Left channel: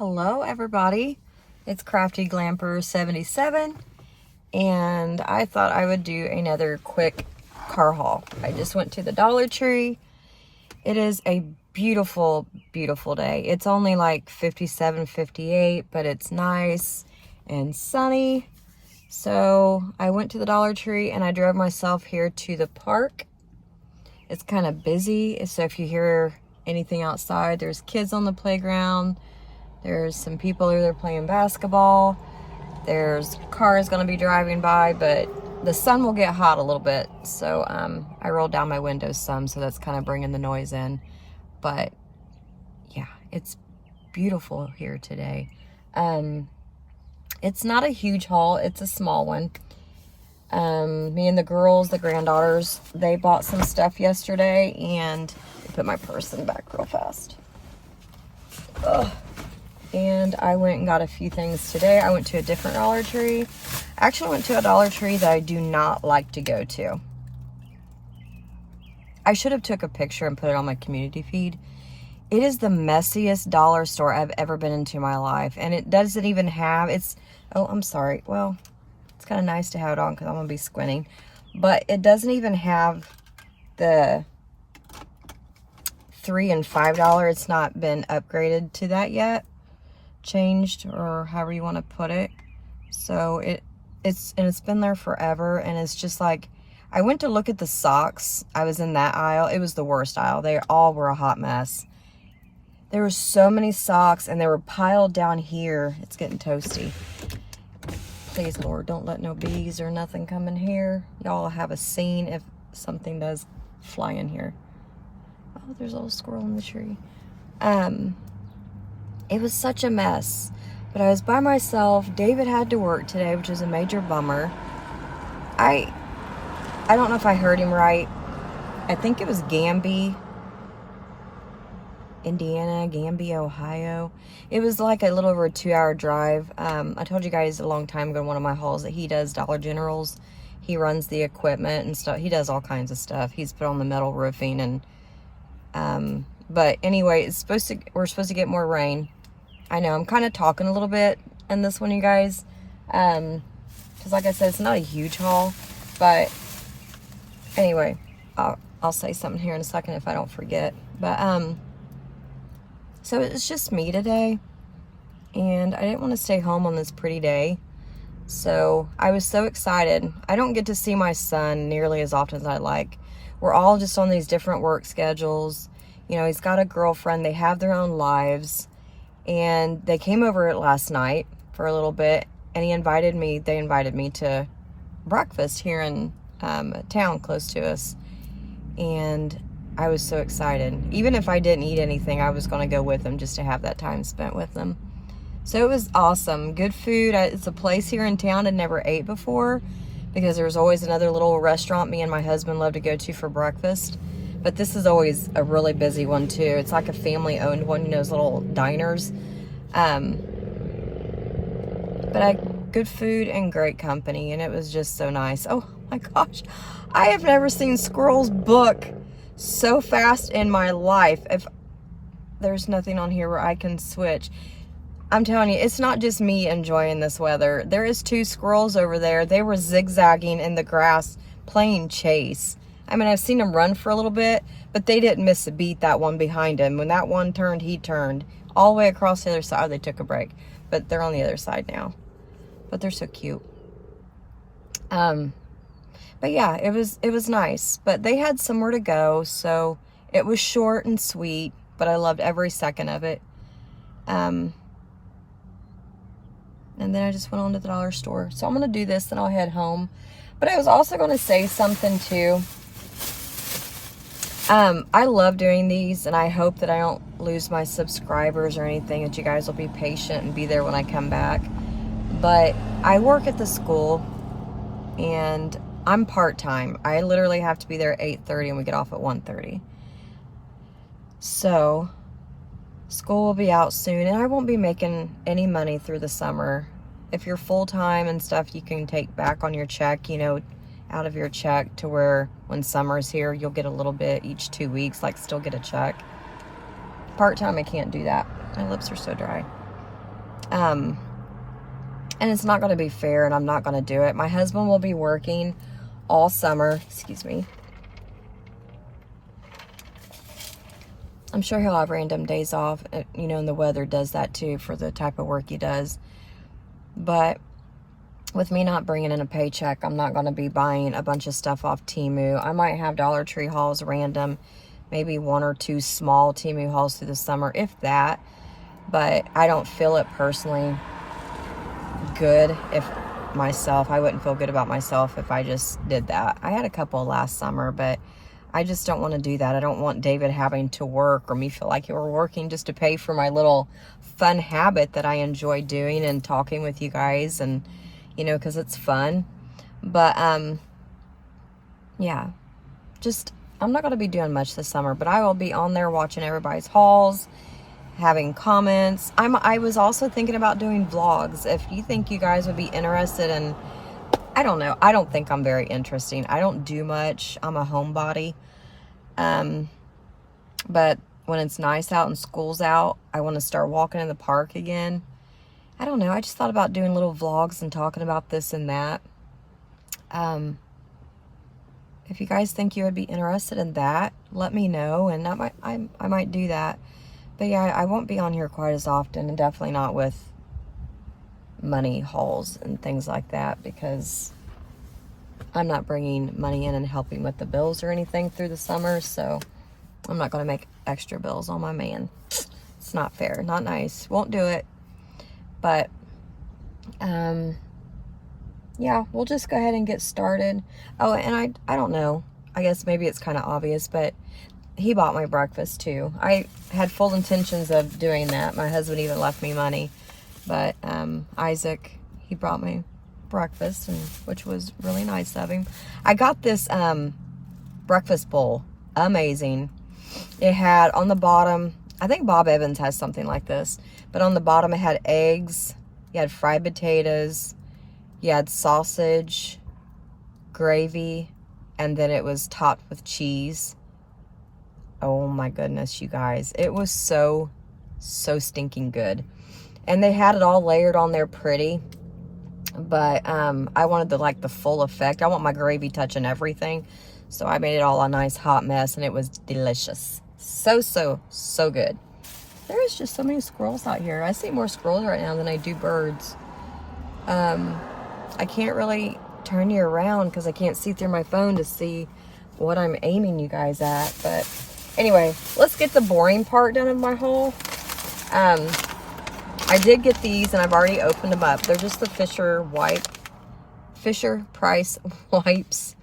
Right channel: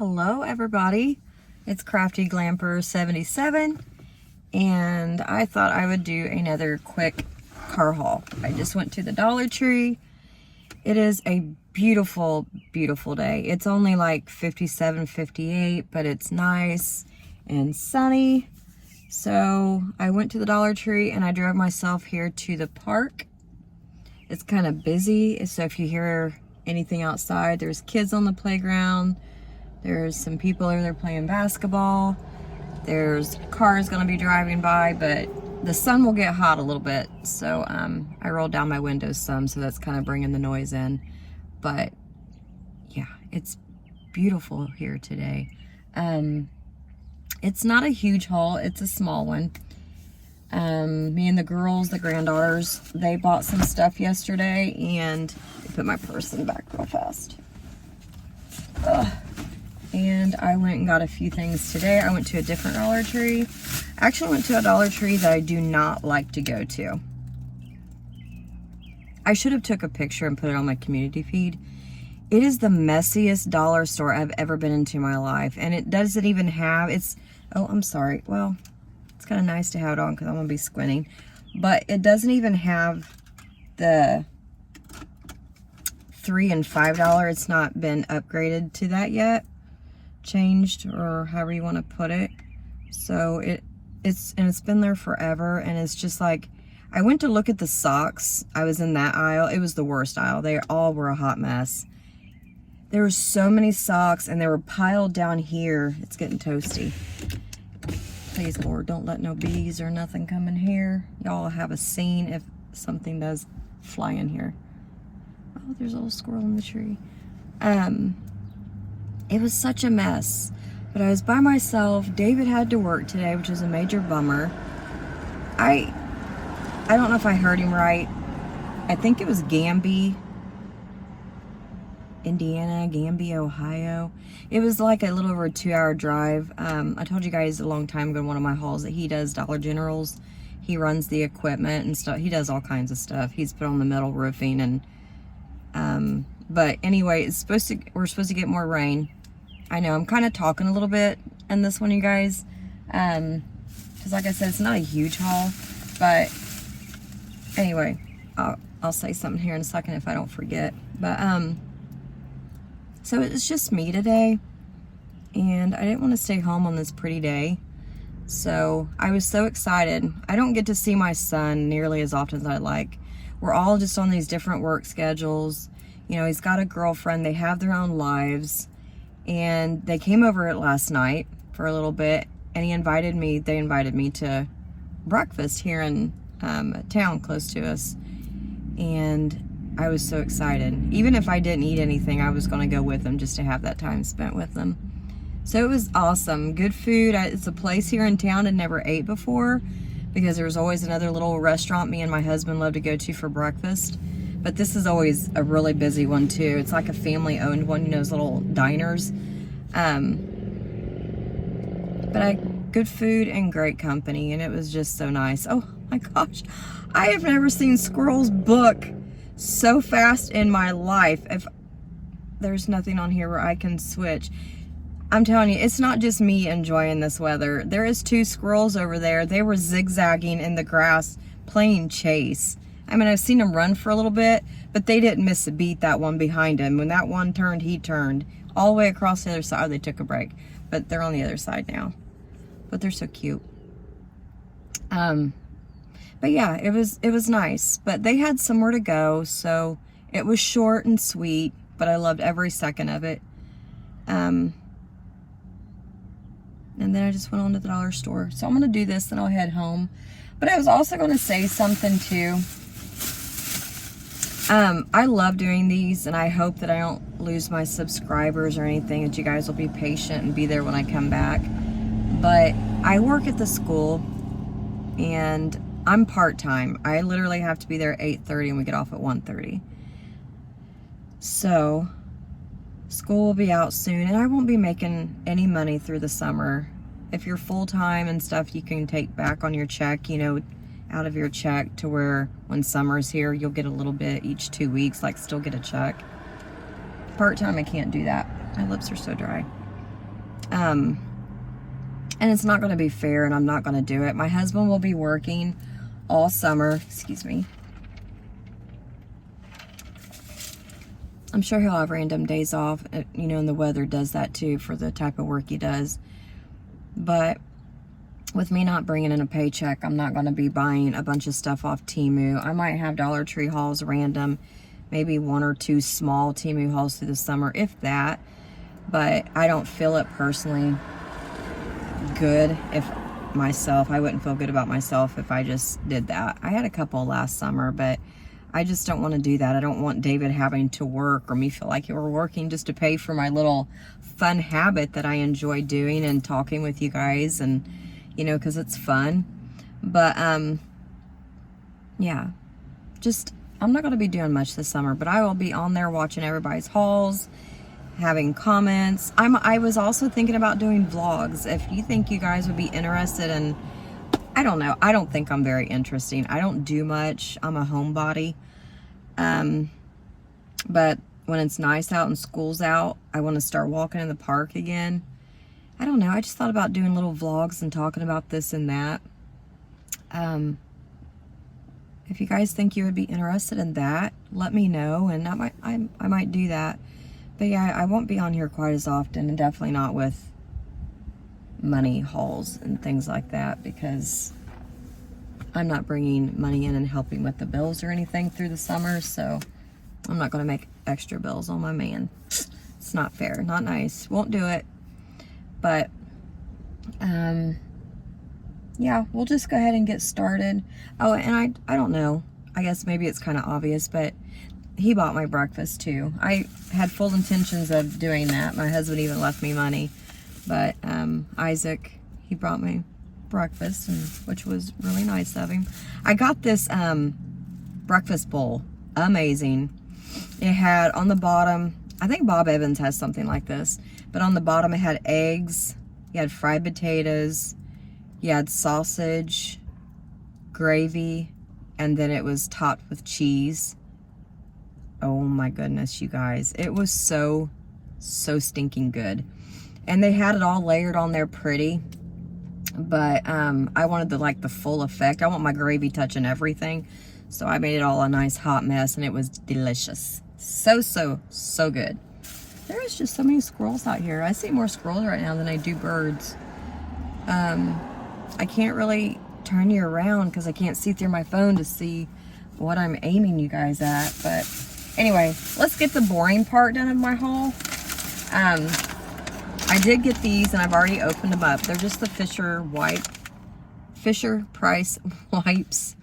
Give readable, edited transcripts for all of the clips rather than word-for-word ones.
Hello everybody, it's Crafty Glamper 77 and I thought I would do another quick car haul. I just went to the Dollar Tree. It is a beautiful, beautiful day. It's only like 57, 58, but it's nice and sunny. So I went to the Dollar Tree and I drove myself here to the park. It's kind of busy, so if you hear anything outside, there's kids on the playground. There's some people over there playing basketball. There's cars gonna be driving by, but the sun will get hot a little bit. So I rolled down my windows some, so that's kind of bringing the noise in. But yeah, it's beautiful here today. It's not a huge haul, it's a small one. Me and the girls, the granddaughters, they bought some stuff yesterday, and I put my purse in the back real fast. Ugh. And I went and got a few things today. I went to a different Dollar Tree. I actually went to a Dollar Tree that I do not like to go to. I should have took a picture and put it on my community feed. It is the messiest dollar store I've ever been into in my life. And it doesn't even have, oh, I'm sorry. Well, it's kind of nice to have it on because I'm going to be squinting. But it doesn't even have the $3 and $5. It's not been upgraded to that yet. Changed, or however you want to put it. So it's been there forever, and it's just like, I went to look at the socks. I was in that aisle. It was the worst aisle. They all were a hot mess. There were so many socks, and they were piled down here. It's getting toasty. Please, Lord, don't let no bees or nothing come in here. Y'all have a scene if something does fly in here. Oh, there's a little squirrel in the tree. It was such a mess, but I was by myself. David had to work today, which is a major bummer. I don't know if I heard him right. I think it was Gamby, Indiana, Gamby, Ohio. It was like a little over a 2-hour drive. I told you guys a long time ago in one of my hauls that he does Dollar Generals. He runs the equipment and stuff. He does all kinds of stuff. He's put on the metal roofing and but anyway, we're supposed to get more rain. I know I'm kind of talking a little bit in this one, you guys, because like I said, it's not a huge haul, but anyway, I'll say something here in a second if I don't forget. But so it's just me today, and I didn't want to stay home on this pretty day, so I was so excited. I don't get to see my son nearly as often as I'd like. We're all just on these different work schedules. You know, he's got a girlfriend, they have their own lives, and they came over last night for a little bit, and they invited me to breakfast here in a town close to us, and I was so excited. Even if I didn't eat anything, I was going to go with them just to have that time spent with them. So it was awesome. Good food. It's a place here in town I never ate before, because there's always another little restaurant me and my husband love to go to for breakfast. But this is always a really busy one too. It's like a family-owned one, you know, those little diners. But good food and great company, and it was just so nice. Oh my gosh, I have never seen squirrels book so fast in my life. If there's nothing on here where I can switch. I'm telling you, it's not just me enjoying this weather. There is 2 squirrels over there. They were zigzagging in the grass playing chase. I mean, I've seen them run for a little bit, but they didn't miss a beat, that one behind him. When that one turned, he turned all the way across the other side. They took a break, but they're on the other side now. But they're so cute. But yeah, it was nice. But they had somewhere to go, so it was short and sweet, but I loved every second of it. And then I just went on to the dollar store. So I'm going to do this, then I'll head home. But I was also going to say something too. I love doing these, and I hope that I don't lose my subscribers or anything, that you guys will be patient and be there when I come back. But I work at the school, and I'm part-time. I literally have to be there at 8:30, and we get off at 1:30. So school will be out soon, and I won't be making any money through the summer. If you're full-time and stuff, you can take back on your check, you know, out of your check, to where when summer's here, you'll get a little bit each 2 weeks, like still get a check. Part-time, I can't do that. My lips are so dry. And it's not going to be fair, and I'm not going to do it. My husband will be working all summer. Excuse me. I'm sure he'll have random days off, you know, and the weather does that too for the type of work he does. But with me not bringing in a paycheck, I'm not going to be buying a bunch of stuff off Temu. I might have Dollar Tree hauls random, maybe 1 or 2 small Temu hauls through the summer, if that. But I don't feel it personally good if I wouldn't feel good about myself if I just did that. I had a couple last summer, but I just don't want to do that. I don't want David having to work, or me feel like we're working just to pay for my little fun habit that I enjoy doing and talking with you guys, and you know, because it's fun. But yeah, just I'm not going to be doing much this summer, but I will be on there watching everybody's hauls, having comments. I was also thinking about doing vlogs. If you think you guys would be interested in, I don't know. I don't think I'm very interesting. I don't do much. I'm a homebody. But when it's nice out and school's out, I want to start walking in the park again. I don't know. I just thought about doing little vlogs and talking about this and that. If you guys think you would be interested in that, let me know, and I might do that. But yeah, I won't be on here quite as often, and definitely not with money hauls and things like that, because I'm not bringing money in and helping with the bills or anything through the summer, so I'm not going to make extra bills on my man. It's not fair, not nice. Won't do it. But yeah, we'll just go ahead and get started. Oh, and I don't know, I guess maybe it's kind of obvious, but he bought my breakfast too. I had full intentions of doing that. My husband even left me money, but Isaac, he brought me breakfast, and which was really nice of him. I got this breakfast bowl, amazing. It had on the bottom, I think Bob Evans has something like this, but on the bottom it had eggs, you had fried potatoes, you had sausage, gravy, and then it was topped with cheese. Oh my goodness, you guys. It was so stinking good. And they had it all layered on there pretty. But I wanted the full effect. I want my gravy touching everything. So I made it all a nice hot mess, and it was delicious. So good. There's just so many squirrels out here. I see more squirrels right now than I do birds. I can't really turn you around because I can't see through my phone to see what I'm aiming you guys at. But anyway, let's get the boring part done of my haul. I did get these, and I've already opened them up. They're just the Fisher Price wipes.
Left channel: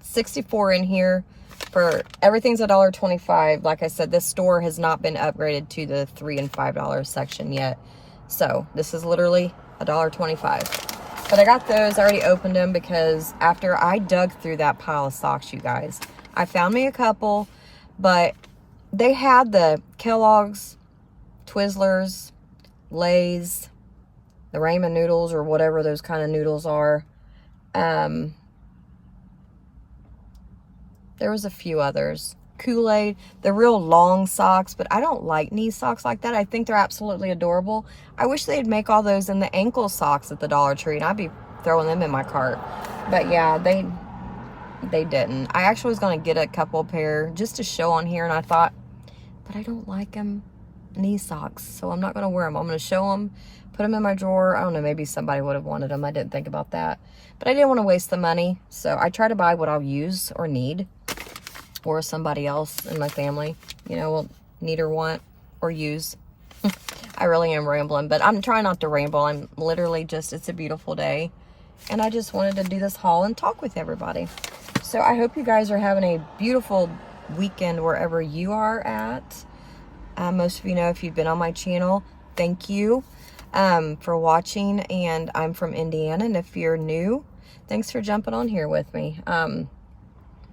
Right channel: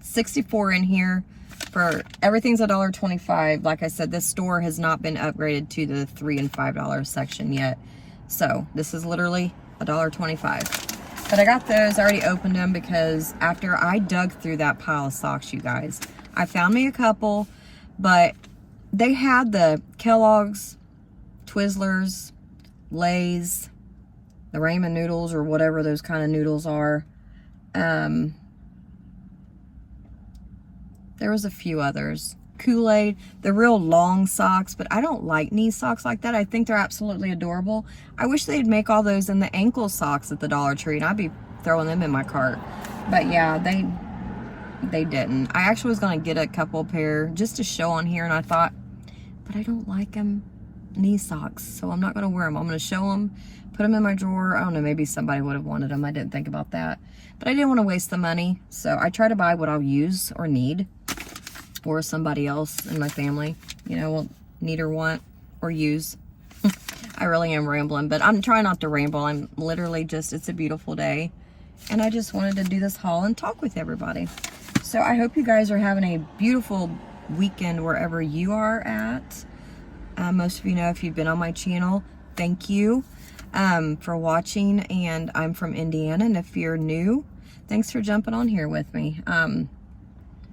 64 in here. For everything's $1.25. Like I said, this store has not been upgraded to the $3 and $5 section yet. So this is literally $1.25. But I got those. I already opened them because after I dug through that pile of socks, you guys, I found me a couple, but they had the Kellogg's, Twizzlers, Lay's, the ramen noodles, or whatever those kind of noodles are. There was a few others. Kool-Aid, the real long socks, but I don't like knee socks like that. I think they're absolutely adorable. I wish they'd make all those in the ankle socks at the Dollar Tree, and I'd be throwing them in my cart. But yeah, they didn't. I actually was going to get a couple pair just to show on here, and I thought, but I don't like them knee socks, so I'm not going to wear them. I'm going to show them, put them in my drawer. I don't know, maybe somebody would have wanted them. I didn't think about that. But I didn't want to waste the money, so I try to buy what I'll use or need, or somebody else in my family, you know, will need or want or use. I really am rambling, but I'm trying not to ramble. I'm literally just, it's a beautiful day, and I just wanted to do this haul and talk with everybody. So I hope you guys are having a beautiful weekend wherever you are at. Most of you know, if you've been on my channel, thank you for watching, and I'm from Indiana, and if you're new, thanks for jumping on here with me.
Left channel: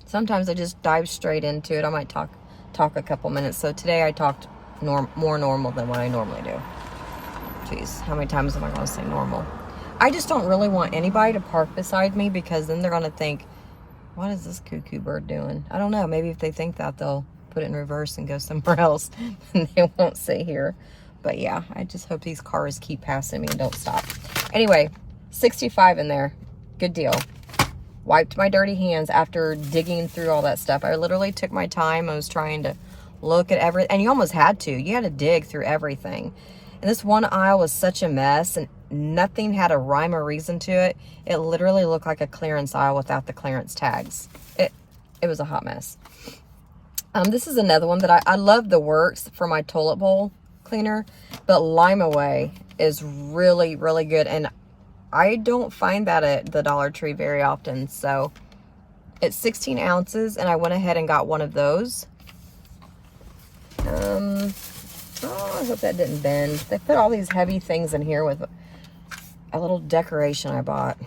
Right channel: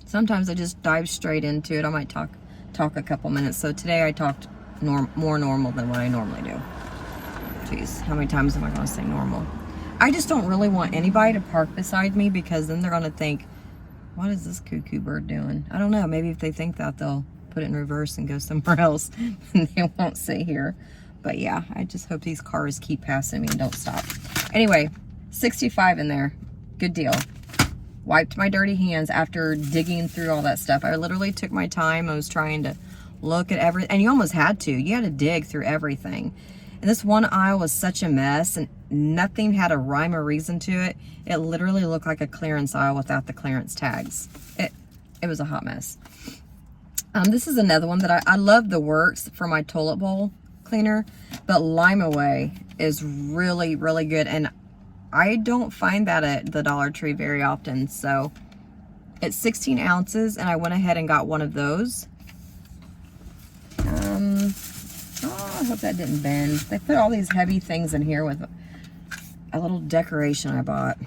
Sometimes I just dive straight into it. I might talk a couple minutes. So today I talked more normal than what I normally do. Jeez, how many times am I going to say normal? I just don't really want anybody to park beside me, because then they're going to think, what is this cuckoo bird doing? I don't know. Maybe if they think that, they'll put it in reverse and go somewhere else and they won't sit here. But yeah, I just hope these cars keep passing me and don't stop. Anyway, 65 in there. Good deal. Wiped my dirty hands after digging through all that stuff. I literally took my time. I was trying to look at everything. And you almost had to. You had to dig through everything. And this one aisle was such a mess. And nothing had a rhyme or reason to it. It literally looked like a clearance aisle without the clearance tags. It was a hot mess. This is another one that I love the works for my toilet bowl cleaner. But Lime Away is really, really good. And I don't find that at the Dollar Tree very often. So it's 16 ounces and I went ahead and got one of those. Oh, I hope that didn't bend. They put all these heavy things in here with a little decoration I bought.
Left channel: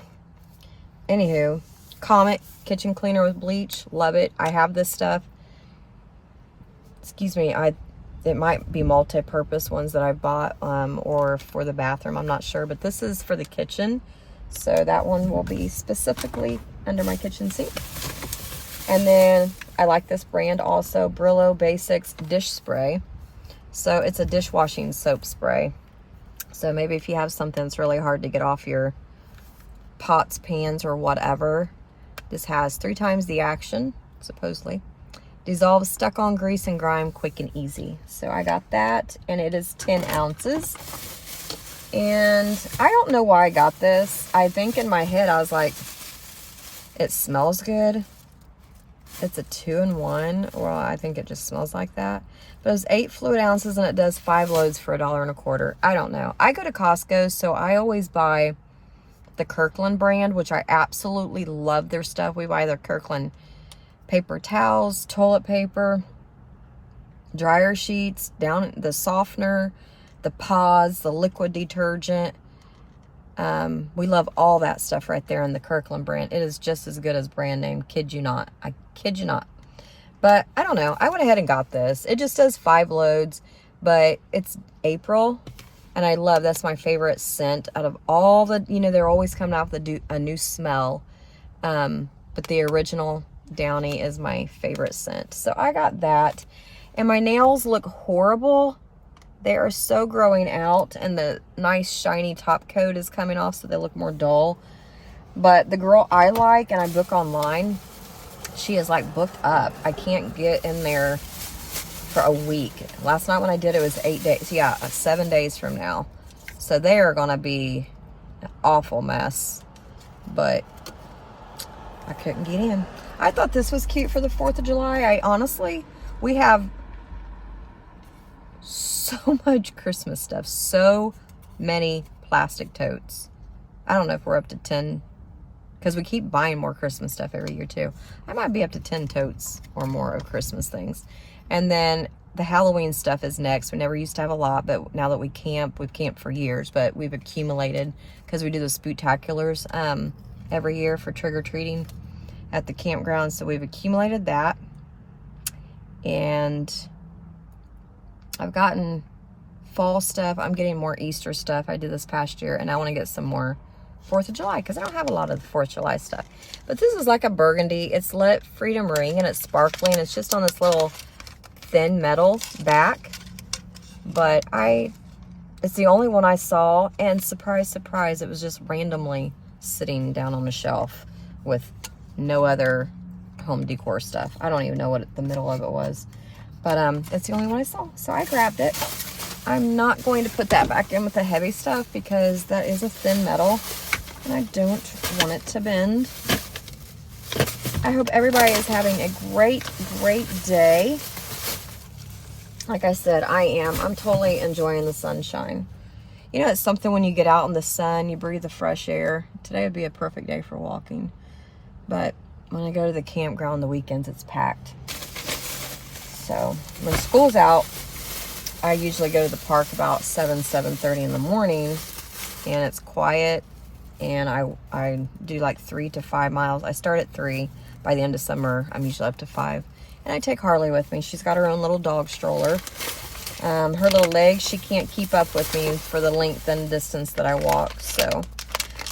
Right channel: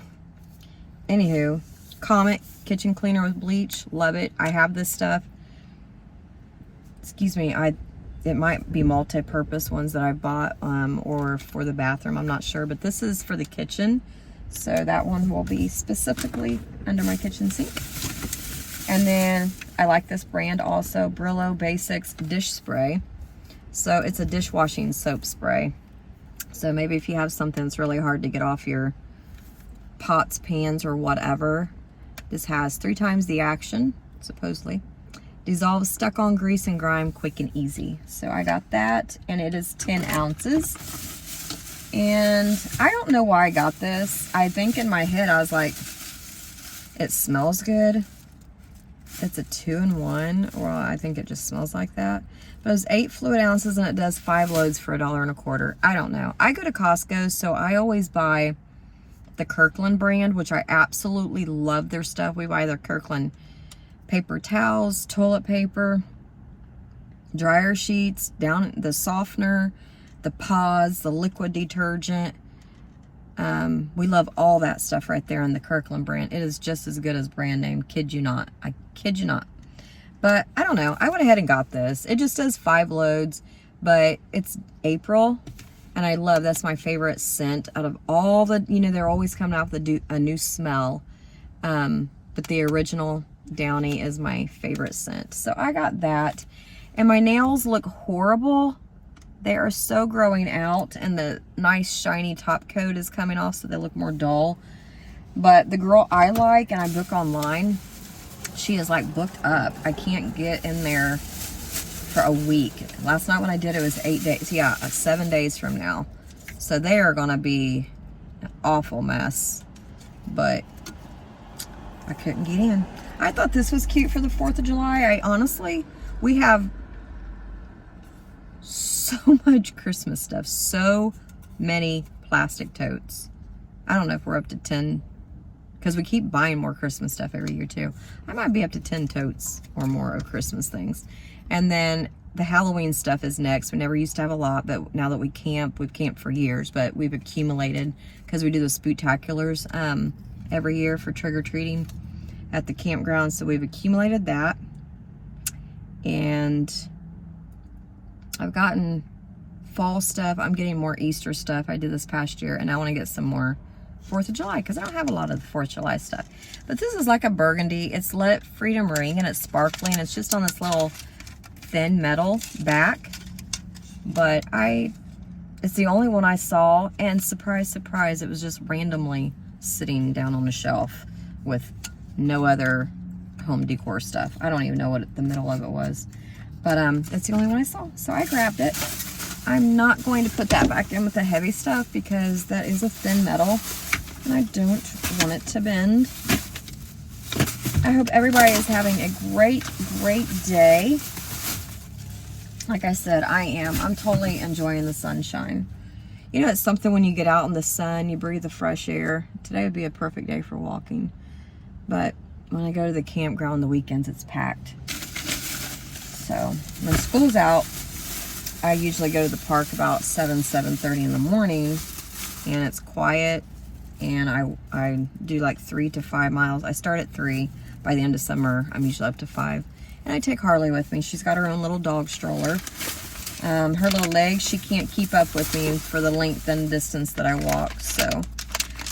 Anywho, Comet kitchen cleaner with bleach. Love it. I have this stuff. Excuse me, it might be multi-purpose ones that I bought or for the bathroom. I'm not sure, but this is for the kitchen. So that one will be specifically under my kitchen sink. And then I like this brand also, Brillo Basics Dish Spray. So it's a dishwashing soap spray. So maybe if you have something that's really hard to get off your pots, pans, or whatever, this has 3 times the action, supposedly. Dissolves stuck-on grease and grime quick and easy. So I got that, and it is 10 ounces. And I don't know why I got this. I think in my head I was like, it smells good. It's a 2-in-1. Well, I think it just smells like that. But it's 8 fluid ounces and it does 5 loads for $1.25. I don't know. I go to Costco, so I always buy the Kirkland brand, which I absolutely love their stuff. We buy their Kirkland paper towels, toilet paper, dryer sheets, down the softener, the pods, the liquid detergent. We love all that stuff right there in the Kirkland brand. It is just as good as brand name. Kid you not. I kid you not. But I don't know. I went ahead and got this. It just does 5 loads, but it's April. And I love, that's my favorite scent out of all the, you know, they're always coming out with a new smell. But the original Downy is my favorite scent. So I got that. And my nails look horrible. They are so growing out and the nice shiny top coat is coming off so they look more dull. But the girl I like and I book online, she is like booked up. I can't get in there for a week. Last night when I did it was 8 days. Yeah, 7 days from now. So they are gonna be an awful mess. But I couldn't get in. I thought this was cute for the 4th of July. I honestly, we have so much Christmas stuff. So many plastic totes. I don't know if we're up to 10, because we keep buying more Christmas stuff every year too. I might be up to 10 totes or more of Christmas things. And then the Halloween stuff is next. We never used to have a lot, but now that we camp, we've camped for years, but we've accumulated because we do the spooktaculars every year for trick-or-treating at the campground. So we've accumulated that. And I've gotten fall stuff. I'm getting more Easter stuff I did this past year, and I want to get some more 4th of July because I don't have a lot of the 4th of July stuff. But this is like a burgundy. It's Let It Freedom Ring, and it's sparkling. It's just on this little thin metal back. But it's the only one I saw, and surprise, surprise, it was just randomly sitting down on the shelf with no other home decor stuff. I don't even know what the middle of it was. But that's the only one I saw. So I grabbed it. I'm not going to put that back in with the heavy stuff because that is a thin metal and I don't want it to bend. I hope everybody is having a great, great day. Like I said, I am. I'm totally enjoying the sunshine. You know, it's something when you get out in the sun, you breathe the fresh air. Today would be a perfect day for walking. But when I go to the campground on the weekends, it's packed. So when school's out, I usually go to the park about 7:30 in the morning, and it's quiet, and I do like 3 to 5 miles. I start at 3. By the end of summer, I'm usually up to 5. And I take Harley with me. She's got her own little dog stroller. Her little legs, she can't keep up with me for the length and distance that I walk. So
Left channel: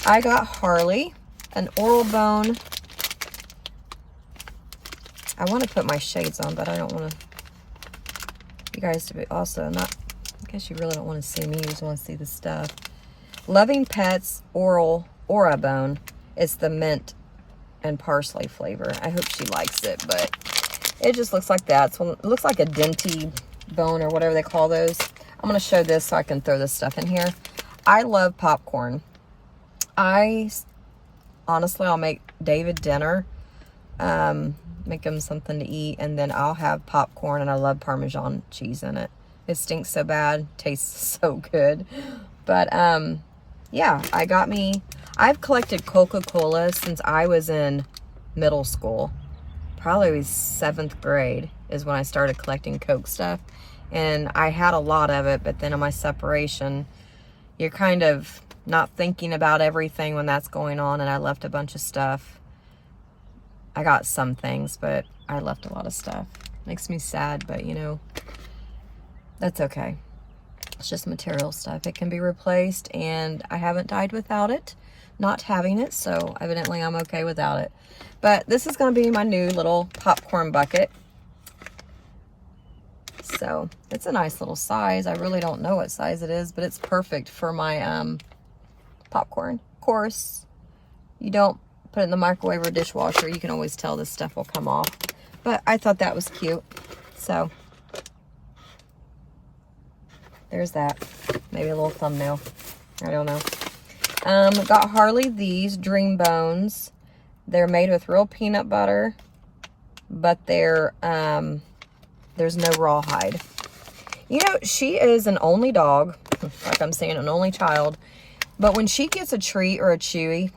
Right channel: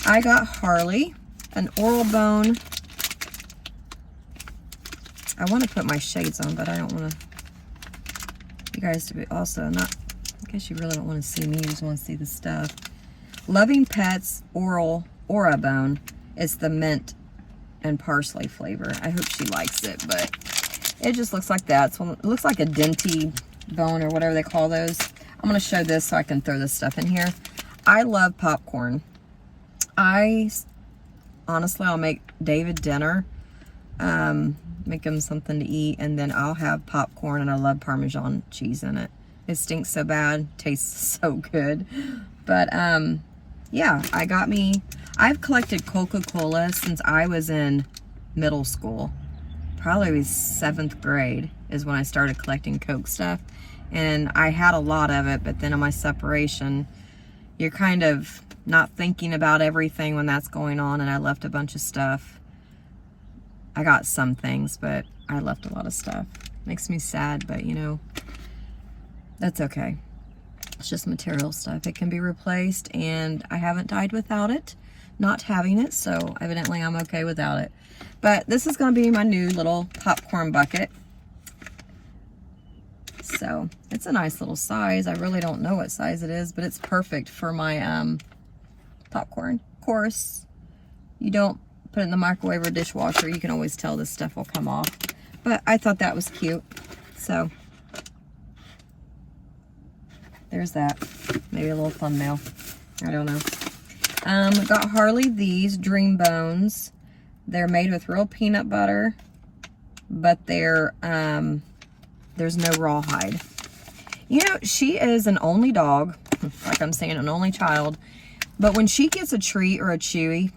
I got Harley an Oral Bone. I want to put my shades on, but I don't want to you guys to be also not I guess you really don't want to see me. You just want to see the stuff. Loving Pets Oral Aura Bone. It's the mint and parsley flavor. I hope she likes it, but it just looks like that. So it looks like a Denti bone or whatever they call those. I'm going to show this so I can throw this stuff in here. I love popcorn. Honestly, I'll make David dinner, make him something to eat, and then I'll have popcorn, and I love Parmesan cheese in it. It stinks so bad, tastes so good. But yeah, I've collected Coca-Cola since I was in middle school. Probably 7th grade is when I started collecting Coke stuff. And I had a lot of it, but then on my separation, you're kind of not thinking about everything when that's going on, and I left a bunch of stuff. I got some things, but I left a lot of stuff. Makes me sad, but you know, that's okay. It's just material stuff. It can be replaced, and I haven't died without it, not having it, so evidently I'm okay without it. But this is going to be my new little popcorn bucket. So it's a nice little size. I really don't know what size it is, but it's perfect for my popcorn. Of course, you don't put it in the microwave or dishwasher. You can always tell this stuff will come off. But I thought that was cute. So there's that. Maybe a little thumbnail. I don't know. Got Harley these Dream Bones. They're made with real peanut butter, but they're there's no rawhide. You know, she is an only dog, like I'm saying, an only child. But when she gets a treat or a chewy,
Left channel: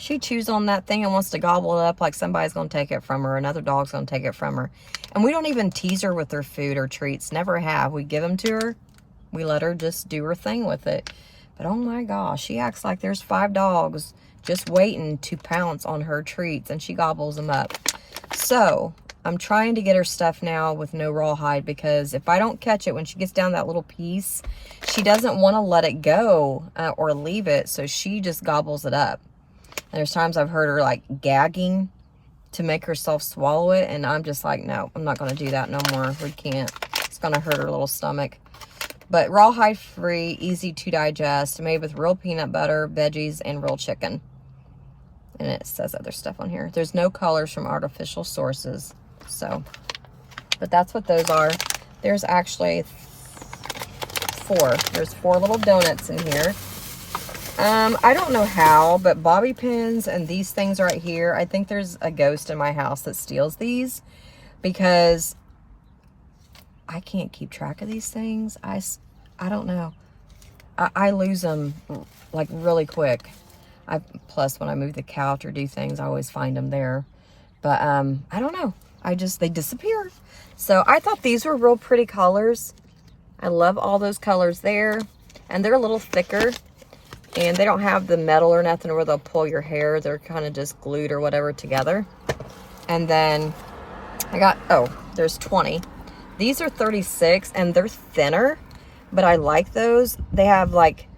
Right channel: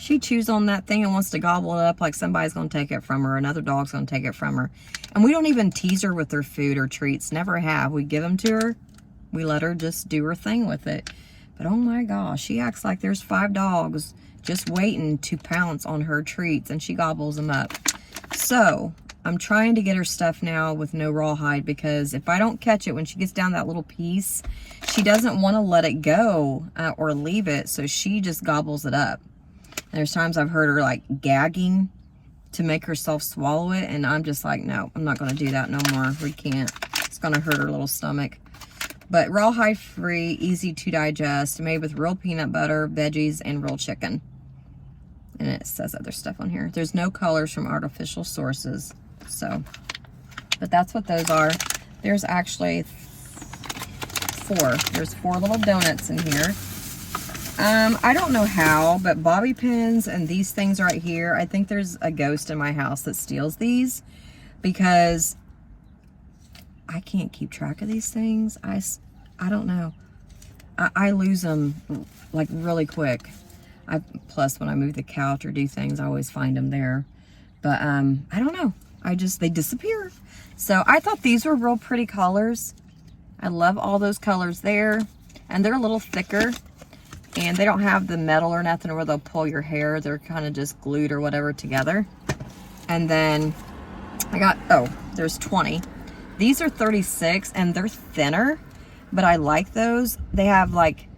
she chews on that thing and wants to gobble it up like somebody's going to take it from her. Another dog's going to take it from her. And we don't even tease her with her food or treats. Never have. We give them to her. We let her just do her thing with it. But oh my gosh, she acts like there's 5 dogs just waiting to pounce on her treats, and she gobbles them up. So I'm trying to get her stuff now with no rawhide, because if I don't catch it when she gets down that little piece, she doesn't want to let it go or leave it, so she just gobbles it up. And there's times I've heard her like gagging to make herself swallow it, and I'm just like, no, I'm not going to do that no more. We can't. It's going to hurt her little stomach. But rawhide free, easy to digest, made with real peanut butter, veggies, and real chicken. And it says other stuff on here. There's no colors from artificial sources. So, but that's what those are. There's actually 4. There's 4 little donuts in here. I don't know how, but bobby pins and these things right here, I think there's a ghost in my house that steals these, because I can't keep track of these things. I don't know. I lose them like really quick. Plus when I move the couch or do things, I always find them there. But I don't know. They disappear. So I thought these were real pretty colors. I love all those colors there. And they're a little thicker. And they don't have the metal or nothing where they'll pull your hair. They're kind of just glued or whatever together. And then I got, there's 20. These are 36 and they're thinner, but I like those. They have like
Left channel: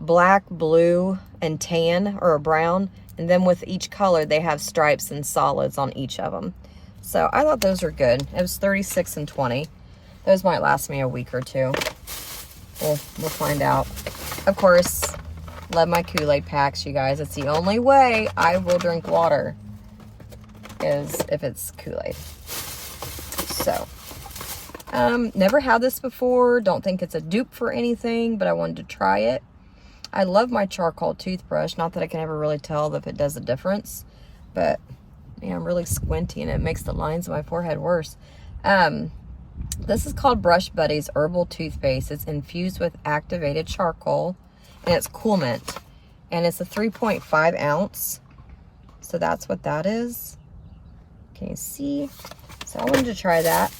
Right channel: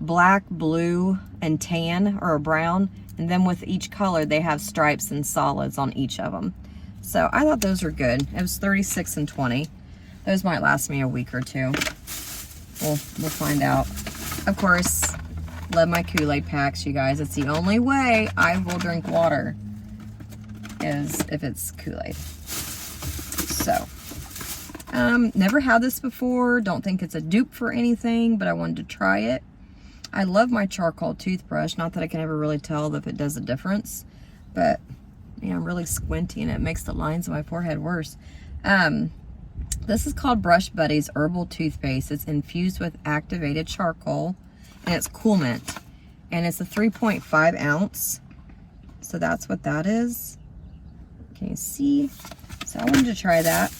black, blue, and tan or a brown. And then with each color, they have stripes and solids on each of them. So I thought those were good. It was 36 and 20. Those might last me a week or 2. We'll find out. Of course, love my Kool-Aid packs, you guys. It's the only way I will drink water is if it's Kool-Aid. So, never had this before. Don't think it's a dupe for anything, but I wanted to try it. I love my charcoal toothbrush. Not that I can ever really tell if it does a difference, but yeah, I'm really squinty and it makes the lines of my forehead worse. This is called Brush Buddies Herbal Toothpaste. It's infused with activated charcoal, and it's Cool Mint, and it's a 3.5 ounce. So that's what that is. Can you see? So I wanted to try that.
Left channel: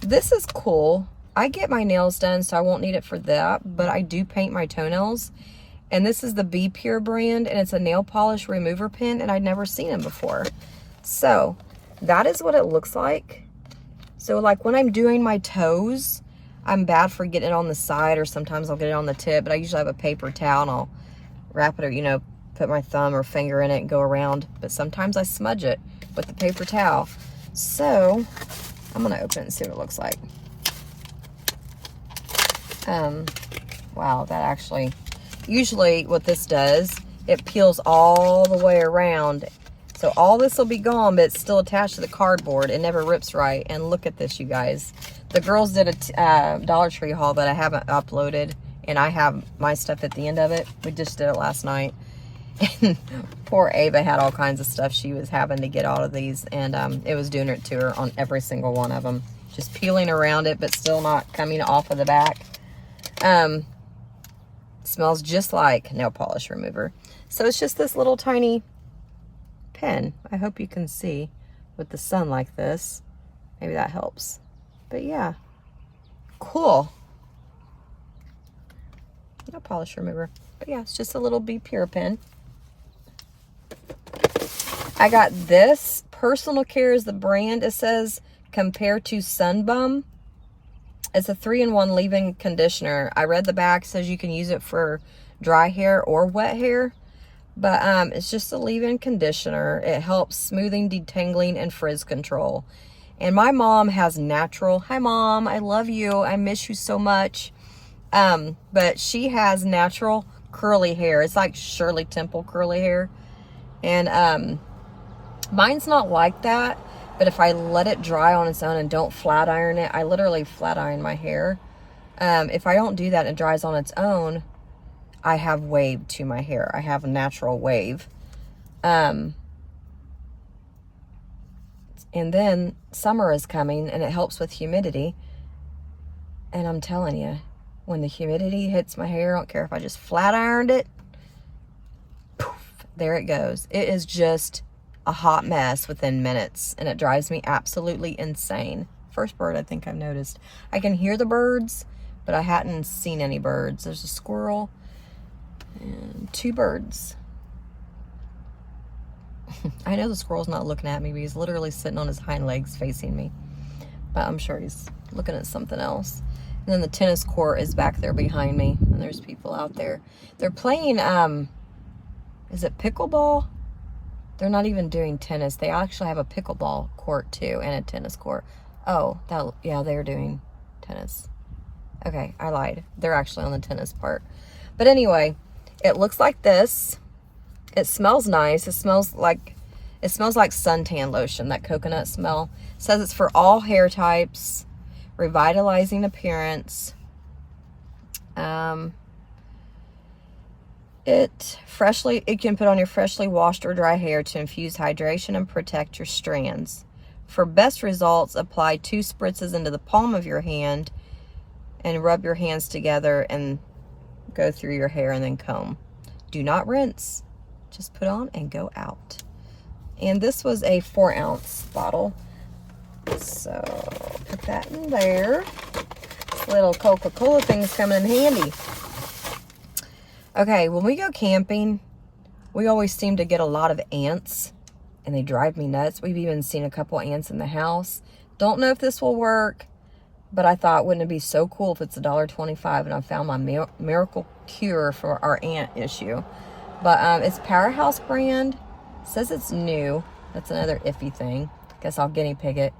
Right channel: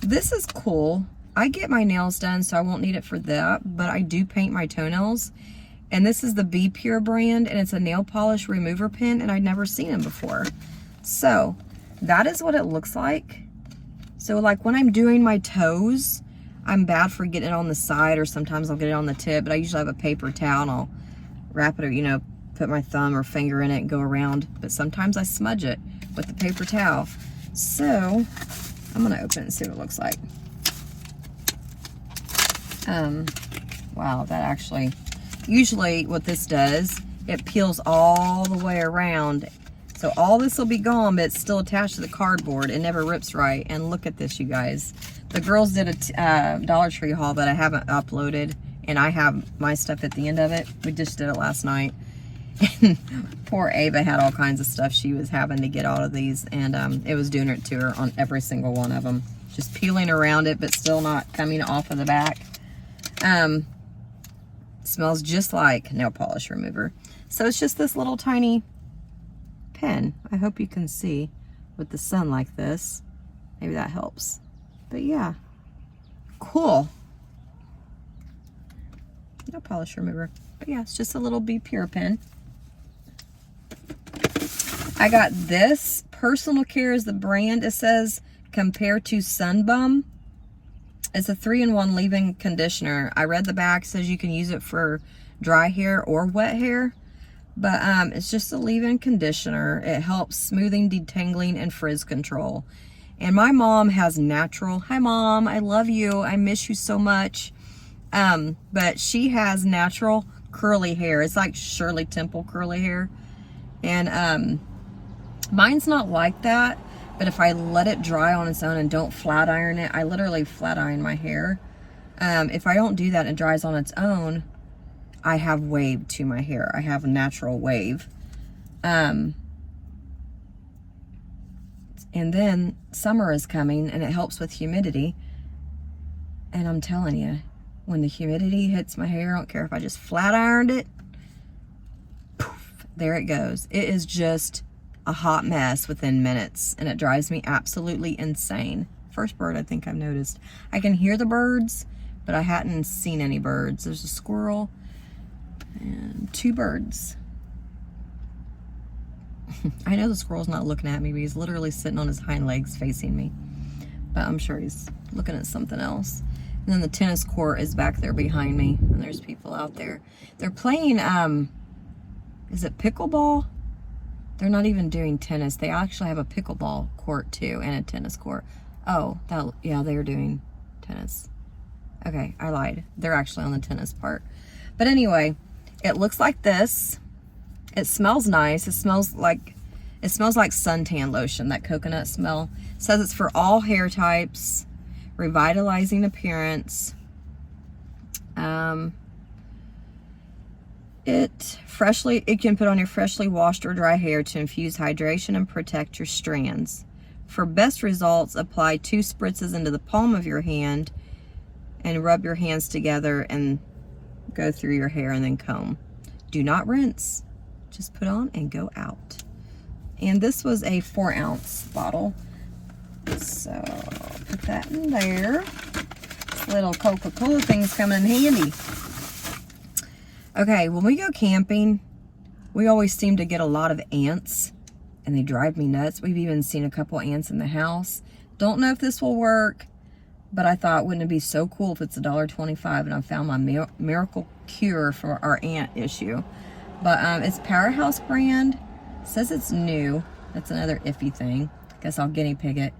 This is cool. I get my nails done, so I won't need it for that, but I do paint my toenails. And this is the Be Pure brand, and it's a nail polish remover pen, and I'd never seen them before. So that is what it looks like. So like when I'm doing my toes, I'm bad for getting it on the side, or sometimes I'll get it on the tip, but I usually have a paper towel and I'll wrap it, or, you know, put my thumb or finger in it and go around. But sometimes I smudge it with the paper towel. So I'm gonna open it and see what it looks like. Wow, that actually, usually what this does, it peels all the way around. So all this will be gone, but it's still attached to the cardboard. It never rips right. And look at this, you guys. The girls did a Dollar Tree haul that I haven't uploaded, and I have my stuff at the end of it. We just did it last night. And poor Ava had all kinds of stuff she was having to get out of these, and it was doing it to her on every single one of them. Just peeling around it, but still not coming off of the back. Smells just like nail polish remover. So it's just this little tiny pen. I hope you can see with the sun like this. Maybe that helps. But yeah, cool. Nail polish remover. But yeah, it's just a little Be Pure pen. I got this. Personal Care is the brand. It says compared to Sunbum. It's a 3-in-1 leave-in conditioner. I read the back, says you can use it for dry hair or wet hair. But it's just a leave-in conditioner. It helps smoothing, detangling, and frizz control. And my mom has natural. Hi, Mom. I love you. I miss you so much. But she has natural curly hair. It's like Shirley Temple curly hair. And mine's not like that. But if I let it dry on its own and don't flat iron it, I literally flat iron my hair. If I don't do that and it dries on its own, I have wave to my hair. I have a natural wave. And then summer is coming and it helps with humidity. And I'm telling you, when the humidity hits my hair, I don't care if I just flat ironed it, poof, there it goes. It is just a hot mess within minutes, and it drives me absolutely insane. First bird I think I've noticed. I can hear the birds, but I hadn't seen any birds. There's a squirrel and 2 birds. I know the squirrel's not looking at me, but he's literally sitting on his hind legs facing me. But I'm sure he's looking at something else. And then the tennis court is back there behind me, and there's people out there. They're playing, is it pickleball? They're not even doing tennis. They actually have a pickleball court too, and a tennis court. Oh, yeah, they're doing tennis. Okay, I lied. They're actually on the tennis part. But anyway, it looks like this. It smells nice. It smells like suntan lotion, that coconut smell. It says it's for all hair types, revitalizing appearance. It can put on your freshly washed or dry hair to infuse hydration and protect your strands. For best results, apply 2 spritzes into the palm of your hand and rub your hands together and go through your hair and then comb. Do not rinse. Just put on and go out. And this was a 4-ounce bottle. So put that in there. This little Coca-Cola thing's coming in handy. Okay, when we go camping, we always seem to get a lot of ants, and they drive me nuts. We've even seen a couple ants in the house. Don't know if this will work, but I thought, wouldn't it be so cool if it's $1.25 and I found my miracle cure for our ant issue. But it's Powerhouse brand. It says it's new. That's another iffy thing. Guess I'll guinea pig it.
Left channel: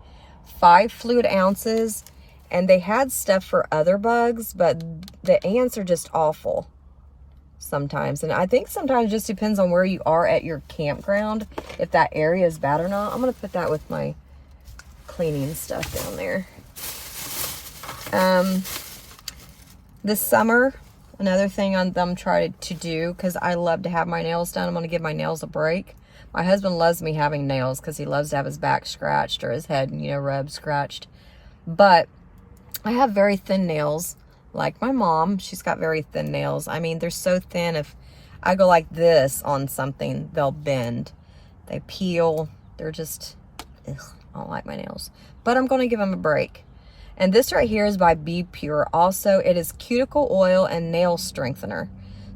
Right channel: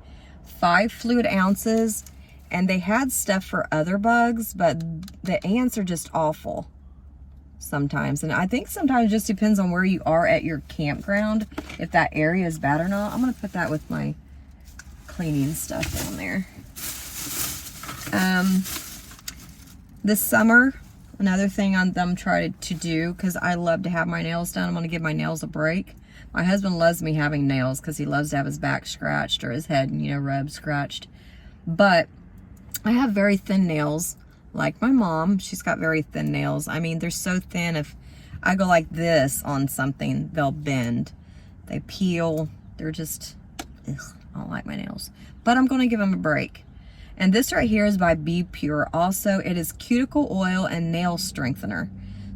5 fluid ounces, and they had stuff for other bugs, but the ants are just awful sometimes. And I think sometimes it just depends on where you are at your campground, if that area is bad or not. I'm gonna put that with my cleaning stuff down there. This summer, another thing I'm trying to do, because I love to have my nails done, I'm gonna give my nails a break. My husband loves me having nails because he loves to have his back scratched or his head, rubbed, scratched. But I have very thin nails. Like my mom, she's got very thin nails. I mean, they're so thin, if I go like this on something, they'll bend. They peel. They're just, ugh, I don't like my nails. But I'm going to give them a break. And this right here is by Be Pure. Also, it is cuticle oil and nail strengthener.